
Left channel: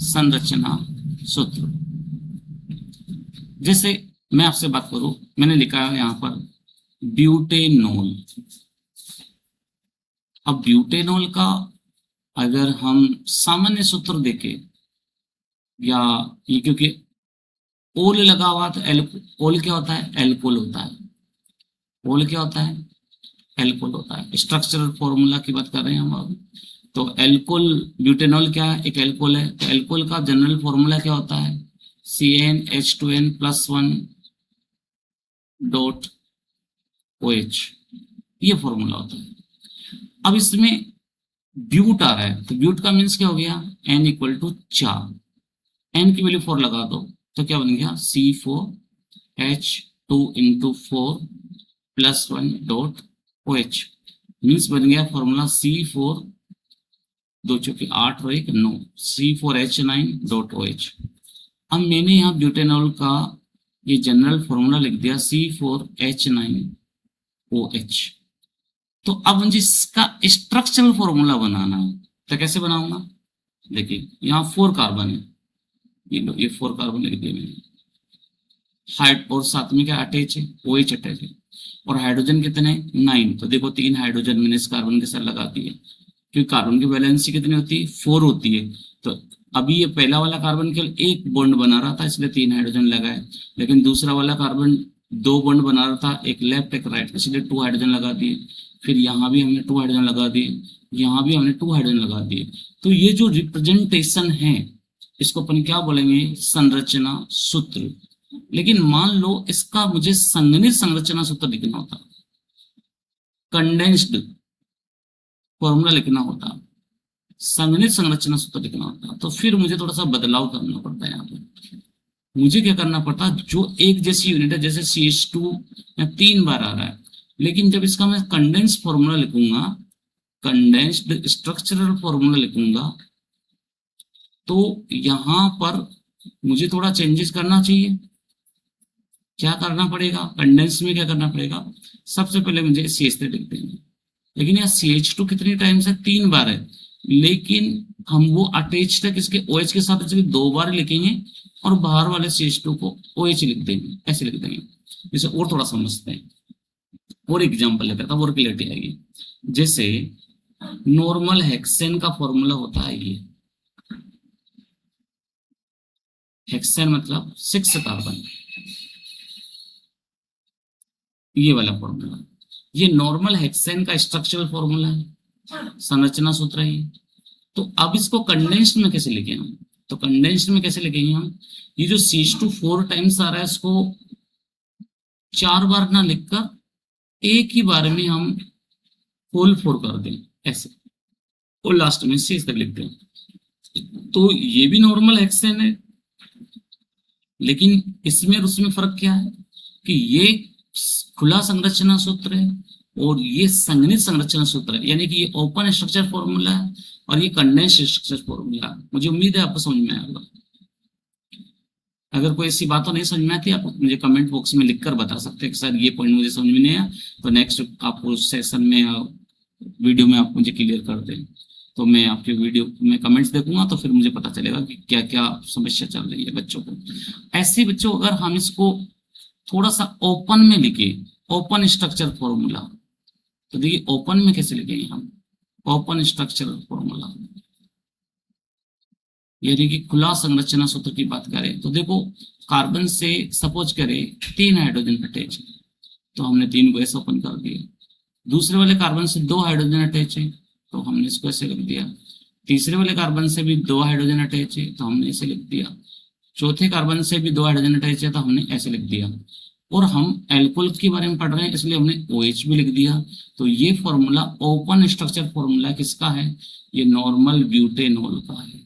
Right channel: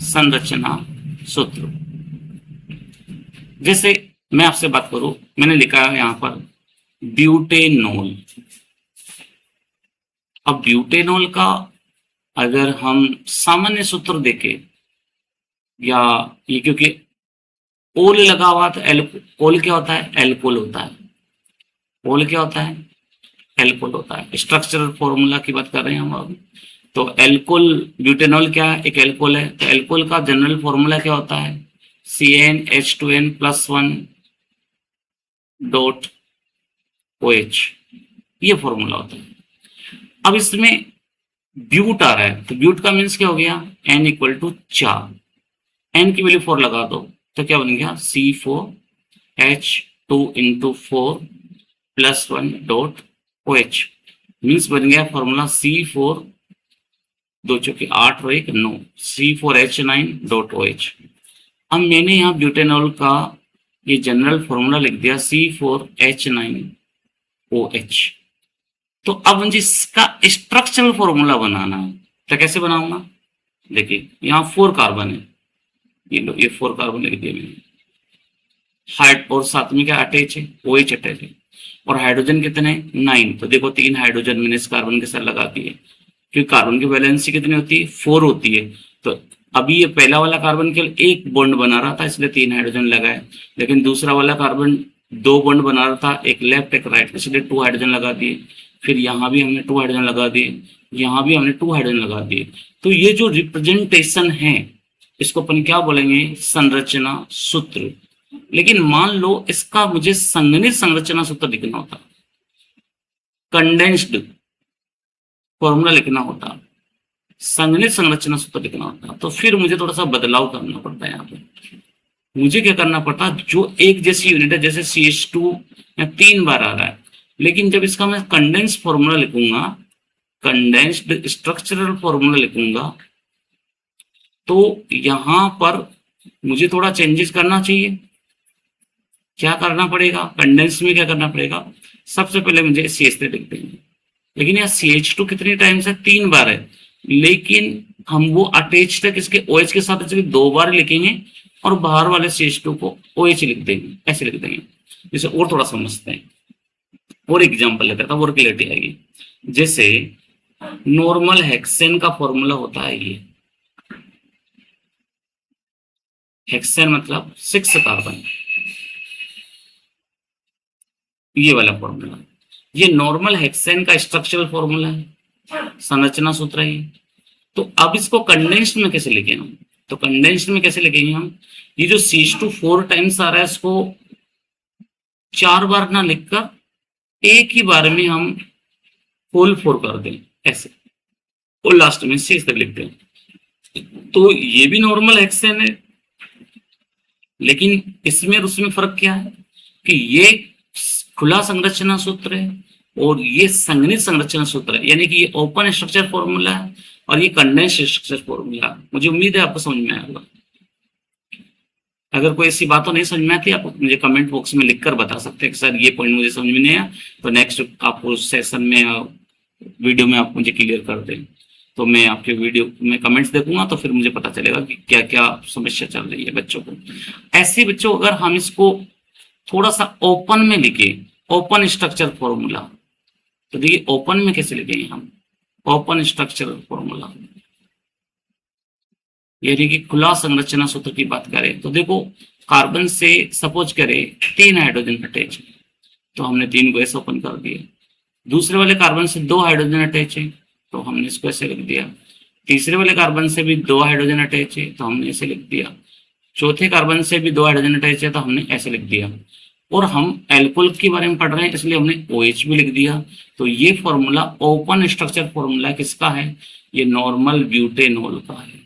संरचना सूत्र जैसे मैं आपसे बात करूं, मैंने लिखा है यहां पर ब्यूटेनॉल। अब ब्यूटेनॉल का अगर हम सामान्य सूत्र देखें, या ये क्योंकि ओल लगा हुआ तो ओल क्या होता है? एल्कोहल होता है। ओल क्या होता है? एल्कोहल होता है। स्ट्रक्चरल फॉर्मूला की बात कर रहे हैं हम अब। तो एल्कोहल, ब्यूटेनॉल क्या है? एक एल्कोहल है। तो एल्कोहल का जनरल फॉर्मूला क्या होता है? CnH2n+1 डॉट OH, ये फॉर्मूला होता है। अब इसमें ब्यूट आ रहा है, तो ब्यूट का मीन्स क्या हो गया? N = 4। N की वैल्यू 4 लगा दो तो क्या बन गया? C4H2 × 4+1 डॉट OH मीन्स बन गया फॉर्मूला C4 2 चौके 8 और 1 9 C4H9 डॉट OH। अब मैंने यहाँ ब्यूटेनॉल का ये जनरल फॉर्मूला लिख दिया C4H9OH। तो अब मुझे इसका स्ट्रक्चरल फॉर्मूला बनाना है, तो कैसे बनाऊंगा? देखिए यहाँ 4 कार्बन है, ये लो, ये 4 कार्बन लिख दिया मैंने। हाइड और साथ में क्या अटैच है? OH अटैच है। और हाइड्रोजन कितने? 9। तो देखो 3 हाइड्रोजन मैंने इस कार्बन के साथ लगा दिए, क्योंकि कार्बन की वैलेंसी कितनी होती है? 4 होती है। तो अभी ये पहला वाला कार्बन केवल एक बॉन्ड बना रहा था, इसलिए 3 हाइड्रोजन लगाए, लेकिन दूसरा वाला कार्बन दो बॉन्ड बना रहा था, एक लेफ्ट एक राइट, इसलिए 2 हाइड्रोजन लगा दिए। फिर यहाँ भी हमने 2 हाइड्रोजन लगा दिए, यहाँ भी हमने 2 हाइड्रोजन लगा दिए। तो ये जो रिप्रेजेंटेशन है इसको अपन क्या बोलेंगे, संरचना सूत्र। लेकिन मान लो इसका मुझे संगणित संरचना सूत्र लिखना होता, कंडेंस्ड फॉर्मूला लिखना होता, संगणित संरचना सूत्र लिखना होता, तो फिर मुझे थोड़ा सा बदलाव करना पड़ता है। यहाँ पे मुझे क्या करना पड़ता, जो एक जैसी यूनिट है, जैसे CH2 में 3 बार आ रहा है, लेकिन जब इसका मैं कंडेंस फॉर्मूला लिखूंगा, कंडेंस्ड स्ट्रक्चरल फॉर्मूला लिखूंगा, तो यहां पर मुझे थोड़ा चेंजेस करना चाहिए। क्या करना पड़ेगा, कंडेंस में क्या करना पड़ेगा, सबसे पहले मुझे CH3 लिख देंगे। लेकिन यहाँ CH2 कितनी टाइम्स है, 3 बार है, लेकिन हम वो अटैच्ड है किसके, OH के साथ, इसलिए 2 बार लिखेंगे और बाहर वाले CH2 को OH लिख देंगे, ऐसे लिख देंगे। जैसे और थोड़ा समझते हैं, और एग्जांपल लेते हैं और क्लियरिटी आएगी। जैसे नॉर्मल हेक्सेन का फॉर्मूला होता है ये, हेक्सेन मतलब 6 कार्बन, ये वाला फॉर्मूला, ये नॉर्मल हेक्सेन का स्ट्रक्चरल फॉर्मूला है, संरचना सूत्र है। तो अब इसको कंडेंस्ड में कैसे लिखें हम, तो कंडेंस्ड में कैसे लिखेंगे हम, ये जो CH2 4 टाइम्स आ रहा है इसको 4 बार ना लिखकर एक ही बार में हम होल 4 कर दें ऐसे, और लास्ट में CH तक लिख दें। तो ये भी नॉर्मल हेक्सेन है, लेकिन इसमें और उसमें फर्क क्या है कि ये खुला संरचना सूत्र है और ये संगणित संरचना सूत्र है, यानी कि ये ओपन स्ट्रक्चर फॉर्मूला है और ये कंडेंस स्ट्रक्चर फॉर्मूला है। मुझे उम्मीद है आपको समझ में आया होगा। अगर कोई ऐसी बातों नहीं समझ में आती, आप मुझे कमेंट बॉक्स में लिखकर बता सकते हैं कि सर ये पॉइंट मुझे समझ में नहीं आया, तो नेक्स्ट आपको सेशन में वीडियो में आप मुझे क्लियर कर दें, तो मैं आपके वीडियो में कमेंट्स देखूंगा, तो फिर मुझे पता चलेगा कि क्या क्या समस्या चल रही है बच्चों को। ऐसे बच्चों अगर हम इसको थोड़ा सा ओपन में लिखे, ओपन स्ट्रक्चर फॉर्मूला, तो देखिए ओपन में कैसे लिखेंगे हम, ओपन स्ट्रक्चर फॉर्मूला, यानी कि खुला संरचना सूत्र की बात करें तो देखो, कार्बन से सपोज करें 3 हाइड्रोजन अटैच है, तो हमने 3 को ऐसे ओपन कर दिया। दूसरे वाले कार्बन से 2 हाइड्रोजन अटैच है, तो हमने इसको ऐसे लिख दिया। तीसरे वाले कार्बन से भी 2 हाइड्रोजन अटैच है, तो हमने ऐसे लिख दिया। चौथे कार्बन से भी 2 हाइड्रोजन अटैच है, तो हमने ऐसे लिख दिया। और हम एल्कोहल के बारे में पढ़ रहे हैं, इसलिए हमने OH भी लिख दिया। तो ये फॉर्मूला ओपन स्ट्रक्चर फॉर्मूला किसका है, ये नॉर्मल ब्यूटेनॉल का है,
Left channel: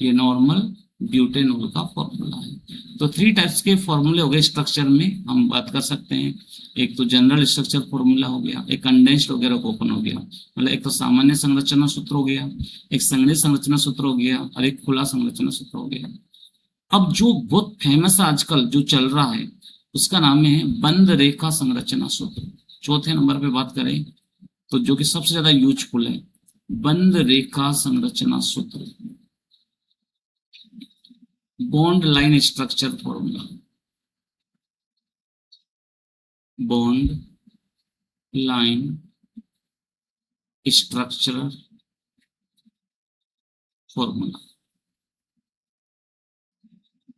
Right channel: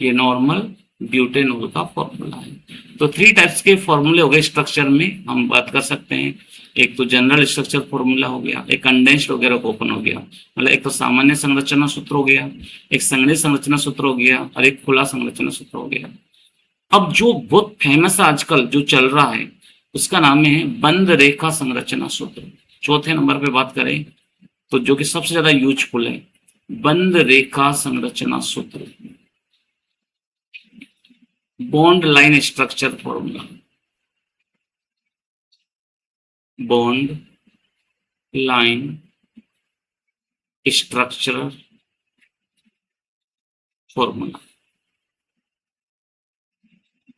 ये नॉर्मल ब्यूटेनॉल का फॉर्मूला है। तो 3 टाइप्स के फॉर्मूले हो गए स्ट्रक्चर में, हम बात कर सकते हैं। एक तो जनरल स्ट्रक्चर फॉर्मूला हो गया, एक कंडेंस्ड वगैरह ओपन हो गया, मतलब एक तो सामान्य संरचना सूत्र हो गया, एक संगणित संरचना सूत्र हो गया, और एक खुला संरचना सूत्र हो गया। अब जो बहुत फेमस आजकल जो चल रहा है उसका नाम है बंद रेखा संरचना सूत्र। चौथे नंबर पे बात करें तो जो कि सबसे ज्यादा यूजफुल है, बंद रेखा संरचना सूत्र, bond line structure formula, bond line structure formula.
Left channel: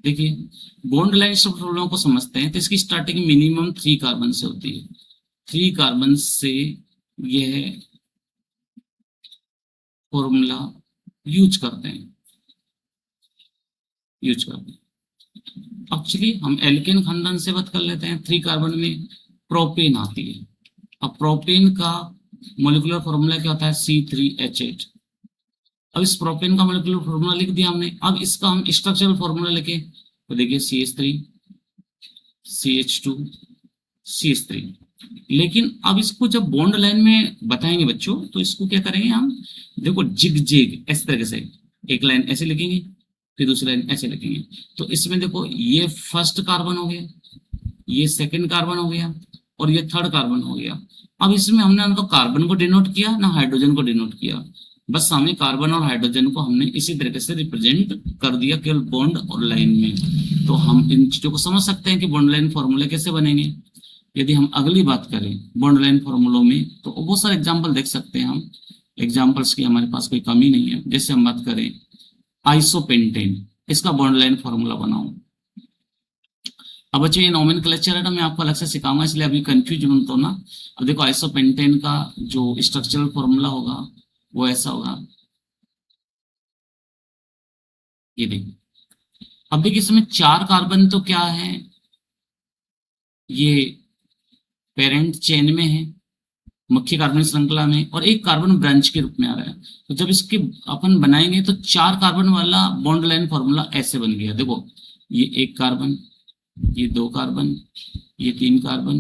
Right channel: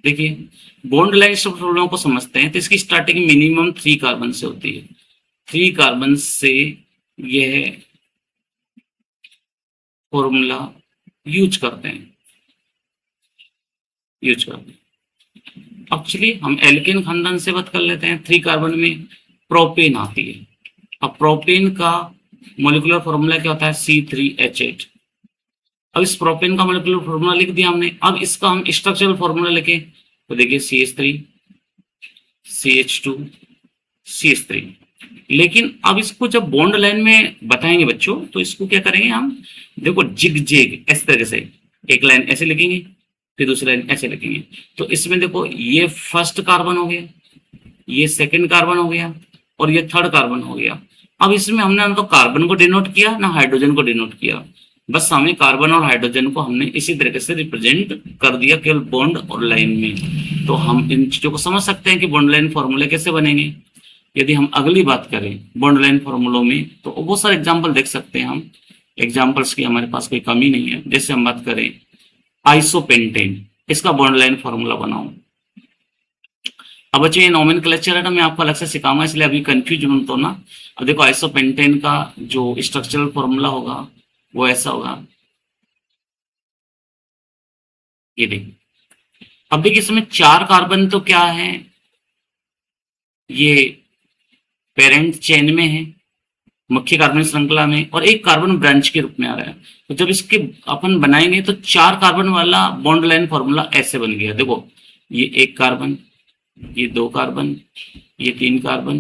देखिए बॉन्ड लाइन स्ट्रक्चर फॉर्मूला को समझते हैं तो इसकी स्टार्टिंग मिनिमम 3 कार्बन से होती है। 3 कार्बन से यह फॉर्मूला यूज करते हैं, यूज करते हैं। एक्चुअली हम एल्केन खानदान से बात कर लेते हैं। 3 कार्बन में प्रोपेन आती है। अब प्रोपेन का मोलिकुलर फॉर्मूला क्या होता है, C3H8। अब इस प्रोपेन का मोलिकुलर फॉर्मूला लिख दिया हमने। अब इसका हम स्ट्रक्चरल फॉर्मूला लिखे तो देखिए CH3 CH2 CH3। लेकिन अब इसको जब बॉन्ड लाइन में बताएंगे बच्चों, तो इसको क्या करेंगे हम, देखो जिग जिग इस तरह से एक लाइन ऐसे लिखेंगे, फिर दूसरी लाइन ऐसे लिखेंगे। तो इसमें देखो ये फर्स्ट कार्बन हो गया, ये सेकंड कार्बन हो गया, और ये थर्ड कार्बन हो गया। अब इसमें हमने ना तो कार्बन को डिनोट किया ना हाइड्रोजन को डिनोट किया, बस हमें कार्बन और हाइड्रोजन को हमने इसी तरीके से रिप्रेजेंट कर दिया केवल बॉन्ड और लाइन में। तो हम इन चीजों को समझ सकते हैं कि बॉन्ड लाइन फॉर्मूले कैसे बनेंगे। यदि हम अगली बात करें बॉन्ड लाइन फॉर्मूलों में, तो बहुत सारे एग्जाम्पल देख सकते हैं हम, एग्जाम्पल्स की हमारे पास कोई कमी नहीं है। जैसे हम बात करें आइसोपेंटेन, इसका बॉन्ड लाइन फॉर्मूला बनाओ। अब बच्चों ये नोमेनक्लेचर है ना, मैं आपको अलग से सिखाऊंगा, इसलिए अभी कंफ्यूज मत होना। अब देखो आइसोपेंटेन का जो स्ट्रक्चरल फॉर्मूला होगा वो ऐसा होगा, ये देखिए। अब देखिए इसमें 4 कार्बन तो क्या है, ये पेरेंट चेन में है, मुख्य कार्बन श्रृंखला में, और एक कार्बन ब्रांच के रूप में आ रहा है। तो जब इसके अपन बनाएंगे तो 4 कार्बन वाला बॉन्ड लाइन फॉर्मूला ऐसे बन गया। देखो ये 1 कार्बन, ये 2 कार्बन, ये 3 कार्बन,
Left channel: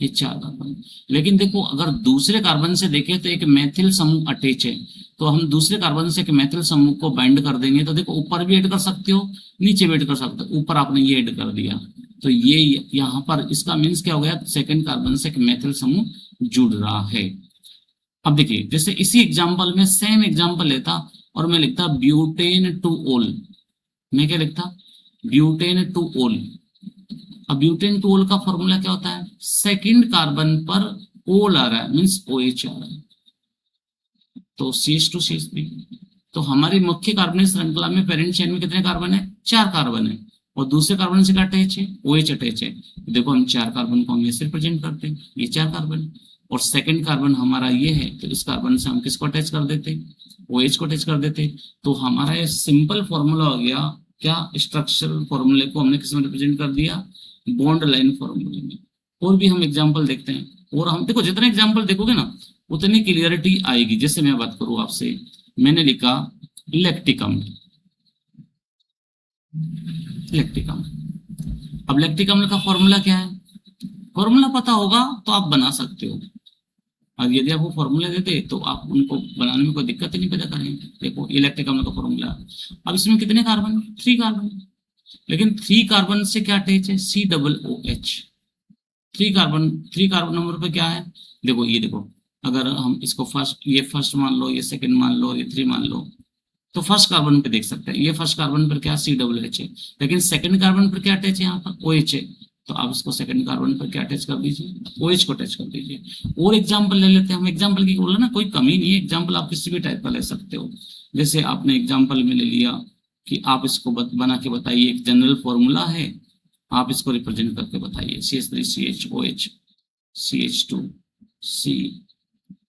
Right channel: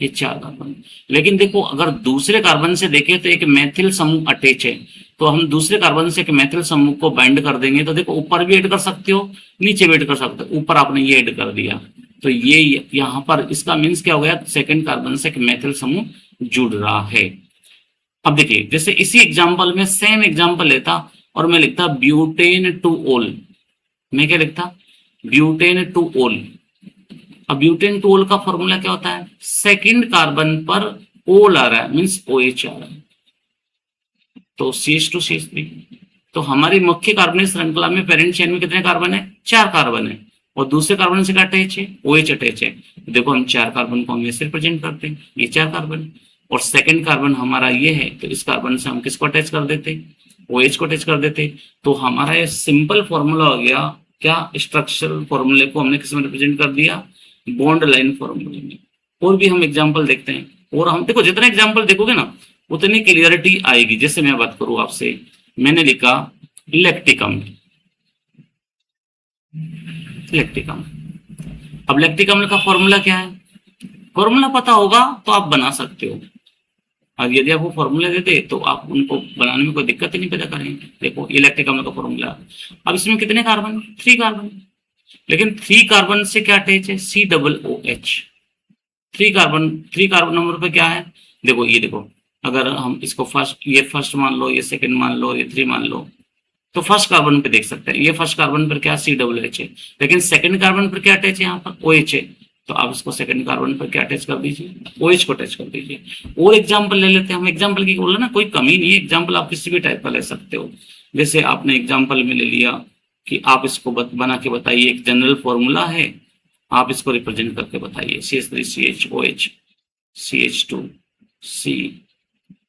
ये 4 कार्बन। लेकिन देखो अगर दूसरे कार्बन से देखें तो एक मैथिल समूह अटैच है, तो हम दूसरे कार्बन से एक मैथिल समूह को बाइंड कर देंगे। तो देखो ऊपर भी ऐड कर सकते हो, नीचे भी ऐड कर सकते हो। ऊपर आपने ये ऐड कर दिया, तो ये यहाँ पर इसका मीन्स क्या हो गया, सेकंड कार्बन से एक मैथिल समूह जुड़ रहा है। अब देखिए जैसे इसी एग्जाम्पल में सेम एग्जाम्पल लेता और मैं लिखता ब्यूटेन टू ओल। मैं क्या लिखता, ब्यूटेन टू ओल। अब ब्यूटेन टू ओल का फॉर्मूला क्या होता है, सेकंड कार्बन पर ओल आ रहा है, मीन्स OH आ रहा है, तो CH2CH3। तो हमारी मुख्य कार्बनिक श्रृंखला में पेरेंट चेन में कितने कार्बन है, 4 कार्बन है, और दूसरे कार्बन से क्या अटैच है, OH अटैच है। तो देखो हम 4 कार्बन को हम ऐसे रिप्रेजेंट करते हैं, ये 4 कार्बन, और सेकंड कार्बन हमारा ये है, तो इस कार्बन से हम किसको अटैच कर देते, OH को अटैच कर देते। तो हमारा ये सिंपल फॉर्मूला हो गया क्या, स्ट्रक्चरल फॉर्मूले को हमने किस में रिप्रेजेंट कर दिया, बॉन्ड लाइन फॉर्मूले में। और भी हम एग्जाम्पल देखते हैं, और हम देखो जितने एग्जाम्पल देखोगे ना उतनी क्लियरिटी आएगी। जैसे मैं बात करूं आपसे, मैंने लिखा लैक्टिकम, लैक्टिकम। अब लैक्टिकम का फॉर्मूला क्या है, फॉर्मूला पता होगा तो आप बना सकते हो। और यदि आपको फॉर्मूला देते तो आप उनको बनाने में कोई दिक्कत ही नहीं पैदा करेंगे। देखो ये लैक्टिकम का फॉर्मूला। अब इसमें कितने कार्बन, 3 कार्बन, लेकिन 3 कार्बन से क्या अटैच है, COOH। 3 कार्बन नंबर पे क्या है, देखो ये देखो, अगर हम इसको फर्स्ट, ये फर्स्ट मान लो, ये सेकंड मान लो, ये 3 मान लो, तो फर्स्ट कार्बन पे देख सकते हैं, ये फर्स्ट कार्बन पर क्या COOH है, लेकिन सेकंड कार्बन पर क्या अटैच है, यहाँ पर OH है। तो आप इसको सेकंड कार्बन पर क्या अटैच कर दीजिए, OH को अटैच कर दीजिए। और एग्जाम्पल ले लेते हैं हम, एग्जाम्पल की बोला ना कोई कमी नहीं है, एग्जाम्पल आप किसी भी टाइप का ले सकते हो। जैसे आपने एग्जाम्पल में ले लिया कि आप इसको बना के बताइए, एक जनरल फॉर्मूला है, आप इसको रिप्रेजेंट करके बताइए, CH3CHOH, CH2 C,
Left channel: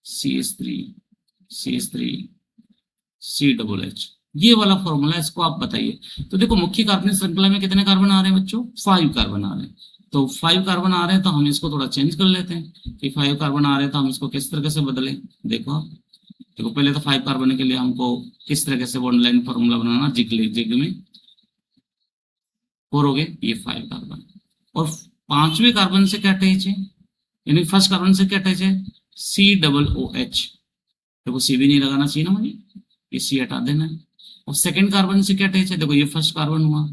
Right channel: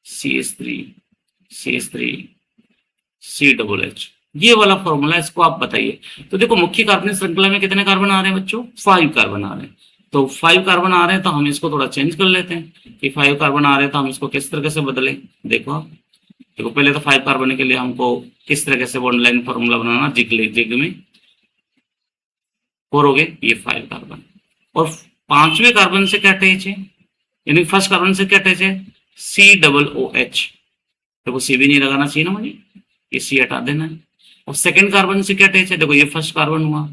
CH3 CH3 COOH, ये वाला फॉर्मूला, इसको आप बताइए। तो देखो मुख्य कार्बनिक श्रृंखला में कितने कार्बन आ रहे हैं बच्चों, 5 कार्बन आ रहे हैं। तो 5 कार्बन आ रहे हैं तो हम इसको थोड़ा चेंज कर लेते हैं कि 5 कार्बन आ रहे हैं तो हम इसको किस तरीके से बदलें। देखो देखो पहले तो 5 कार्बन के लिए हमको किस तरीके से बॉन्ड लाइन फॉर्मूला बनाना, जिग में 4 हो गए, ये 5 कार्बन, और 5वें कार्बन से क्या अटैच है, यानी फर्स्ट कार्बन से क्या अटैच है, COOH। देखो C भी नहीं लगाना चाहिए ना मुझे, ये C हटा देना है। और सेकंड कार्बन से क्या अटैच है, देखो ये फर्स्ट कार्बन हुआ,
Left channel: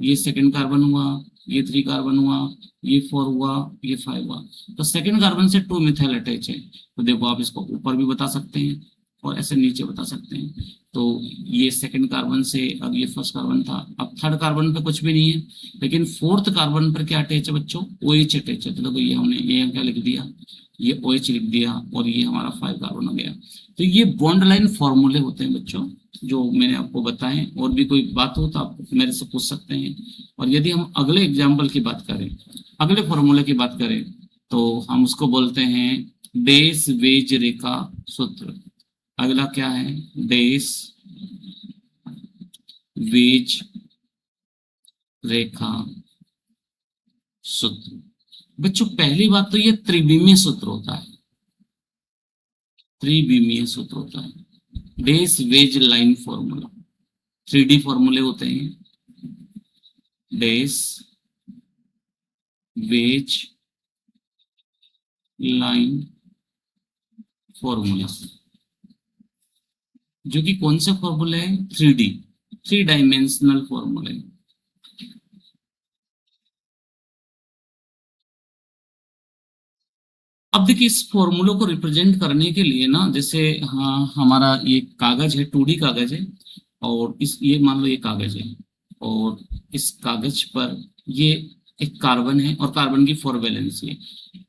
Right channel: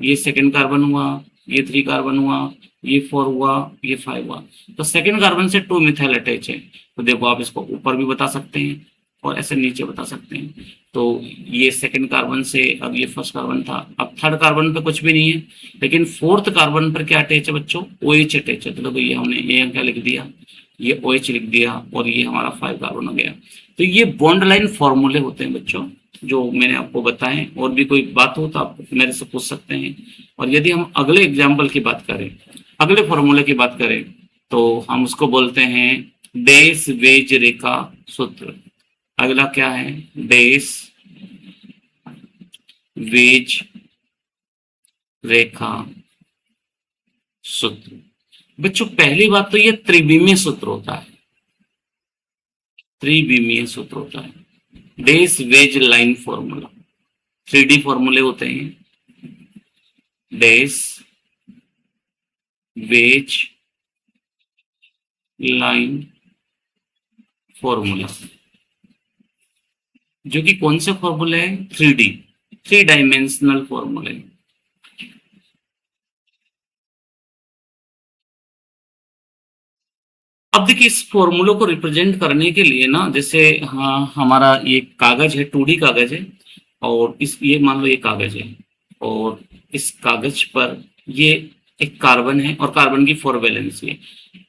ये सेकंड कार्बन हुआ, ये 3 कार्बन हुआ, ये 4 हुआ, ये 5 हुआ। तो सेकंड कार्बन से 2 मिथाइल अटैच है। तो देखो आप इसको ऊपर भी बता सकते हैं और ऐसे नीचे बता सकते हैं। तो ये सेकंड कार्बन से, अब ये फर्स्ट कार्बन था, अब थर्ड कार्बन पे कुछ भी नहीं है, लेकिन फोर्थ कार्बन पर क्या अटैच है बच्चों, OH अटैच है। तो देखो ये हमने ये क्या लिख दिया, ये OH लिख दिया, और ये हमारा 5 कार्बन हो गया। तो ये बॉन्ड लाइन फॉर्मूले होते हैं बच्चों जो मैंने आपको बताएं। और भी कोई बात हो तो आप मेरे से पूछ सकते हैं। और यदि हम अगले एग्जाम्पल की बात करें, अगले फॉर्मूले की बात करें, तो हम उसको बोलते हैं डेस वेज रेखा सूत्र। अगला क्या है, डेस वेज रेखा सूत्र। बच्चों पहली बात तो ये त्रिविमीय सूत्र होता है, त्रिविमीय सूत्र होता है, डेस वेज लाइन फॉर्मूला। 3D फॉर्मूले होते हैं, डेस वेज लाइन फॉर्मूला, जो कि कौन से फॉर्मूले हैं, 3D, 3 डायमेंशनल फॉर्मूले। अब देखिए इस फॉर्मूलों को रिप्रेजेंट करने के लिए ना, जैसे हाँ हमारा ये कागज है, 2D कागज है, और इस ये मान लो ये कागज है, और इस कागज पर ये एक कार्बन है और कार्बन की 4 वैलेंसी है।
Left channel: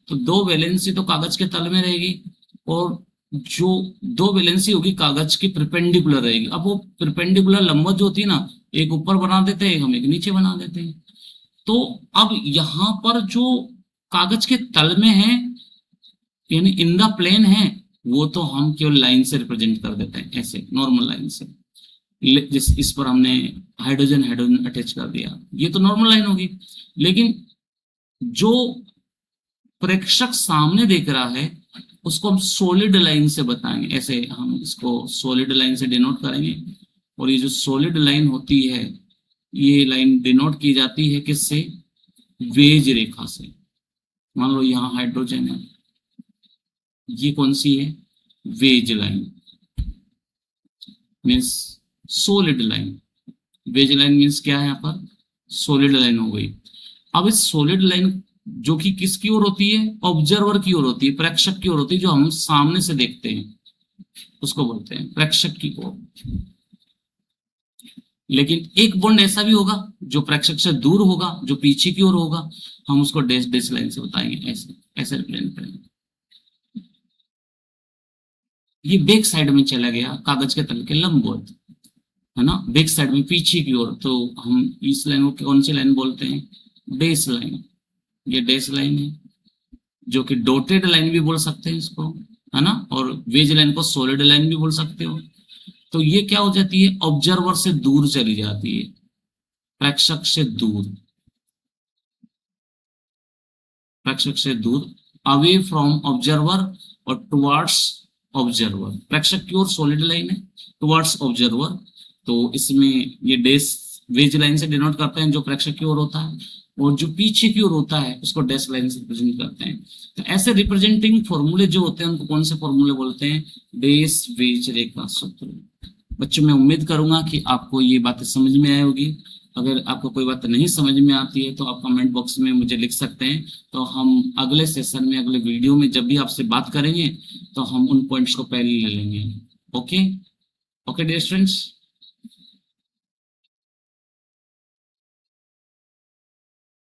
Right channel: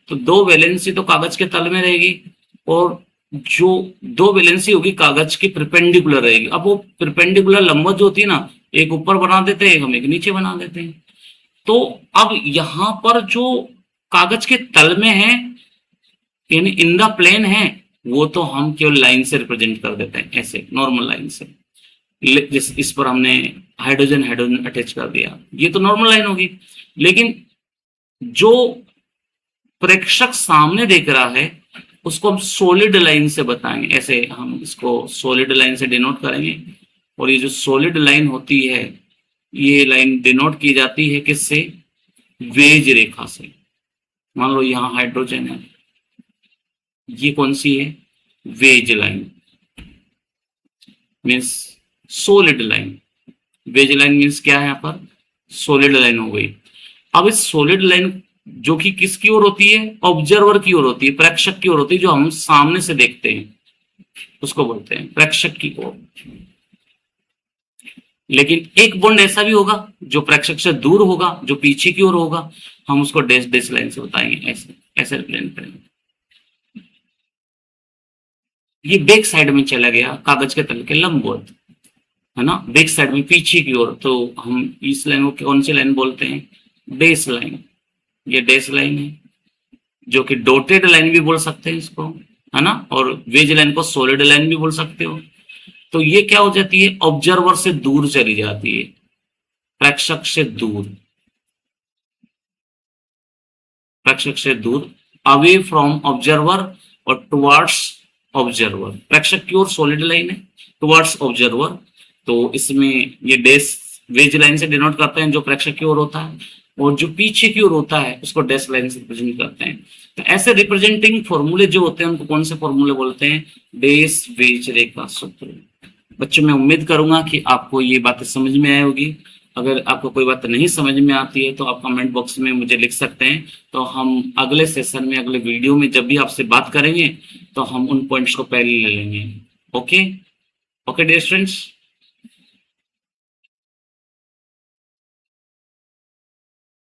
तो 2 वैलेंसी तो कागज के तल में रहेगी, और जो 2 वैलेंसी होगी कागज की परपेंडिकुलर रहेगी। अब वो परपेंडिकुलर लंबवत जो होती है ना, एक ऊपर बना देते हैं, हम एक नीचे बना देते हैं। तो अब यहां पर जो कागज के तल में है, यानी इन द प्लेन है, वो तो हम केवल लाइन से रिप्रेजेंट कर देते हैं, ऐसे नॉर्मल लाइन से। जिस इस पर हमने हाइड्रोजन हाइड्रोजन अटैच कर दिया, ये तो नॉर्मल लाइन होगी। लेकिन जो प्रेक्षक सामने देख रहा है उसको हम सॉलिड लाइन से बताएंगे, ऐसे हम इसको सॉलिड लाइन से डिनोट करेंगे। और ये जो सॉलिड लाइन होती है, ये लाइन डिनोट की जाती है किससे? वेज रेखा से। मान लो यहाँ हाइड्रोजन है, ये कौन सी है? Wedge line, means solid line. Wedge line means क्या है? यहाँ पर सॉलिड लाइन हो गई। अब इस सॉलिड लाइन जो कि किसकी ओर होती है? ऑब्जर्वर की ओर होती है, प्रेक्षक की ओर होती है, जो हम सामने से देखते हैं उसको बोलते हैं प्रेक्षक की ओर। लेकिन एक बॉन्ड ऐसा भी होगा जो प्रेक्षक से दूर होगा, जो पीछे की ओर होगा, हम उसको डैश डैश लाइन से बताएंगे, ऐसे ऐसे रिप्रेजेंट करेंगे। ये बैक साइड में चला गया कागज के तल के लंबवत, है ना, बैक साइड में पीछे की ओर। तो हम इस लाइन को कौन सी लाइन बोलते हैं? Dash line. ये डैश लाइन है, जो कि डॉटेड लाइन भी बोल सकते हैं इसको, है ना। और वेज लाइन को सॉलिड लाइन भी बोल सकते हो। तो ये क्या हो जाती है? ऑब्जर्वर से दूर चली जाती है, प्रेक्षक से दूर, प्रेक्षक से दूर, अवे फ्रॉम ऑब्जर्वर और टुवर्ड्स ऑब्जर्वर। प्रेक्षक की ओर सॉलिड लाइन है, टुवर्ड्स ऑब्जर्वर, तो इसमें ये डैश वेज लाइन से डिनोट करते हैं जो प्रेक्षक की ओर होता है, और जो पीछे की ओर होता है उसको डैश लाइन से रिप्रेजेंट करते हैं। तो ऐसे रिप्रेजेंटिंग फॉर्मूले जो होते हैं उनको कौन से फॉर्मूले बोलते हैं? डैश वेज रेखा सूत्र। बच्चों, मैं उम्मीद करूंगा कि आपको ये बातें समझ में आई होगी। अगर आपको कोई बात नहीं समझ में आती है तो आप कमेंट बॉक्स में मुझे लिख सकते हैं। तो हम अगले सेशन में, अगले वीडियो में जब भी आपसे बात करेंगे तो हम उन पॉइंट्स को पहले ले लेंगे। Okay, okay dear students.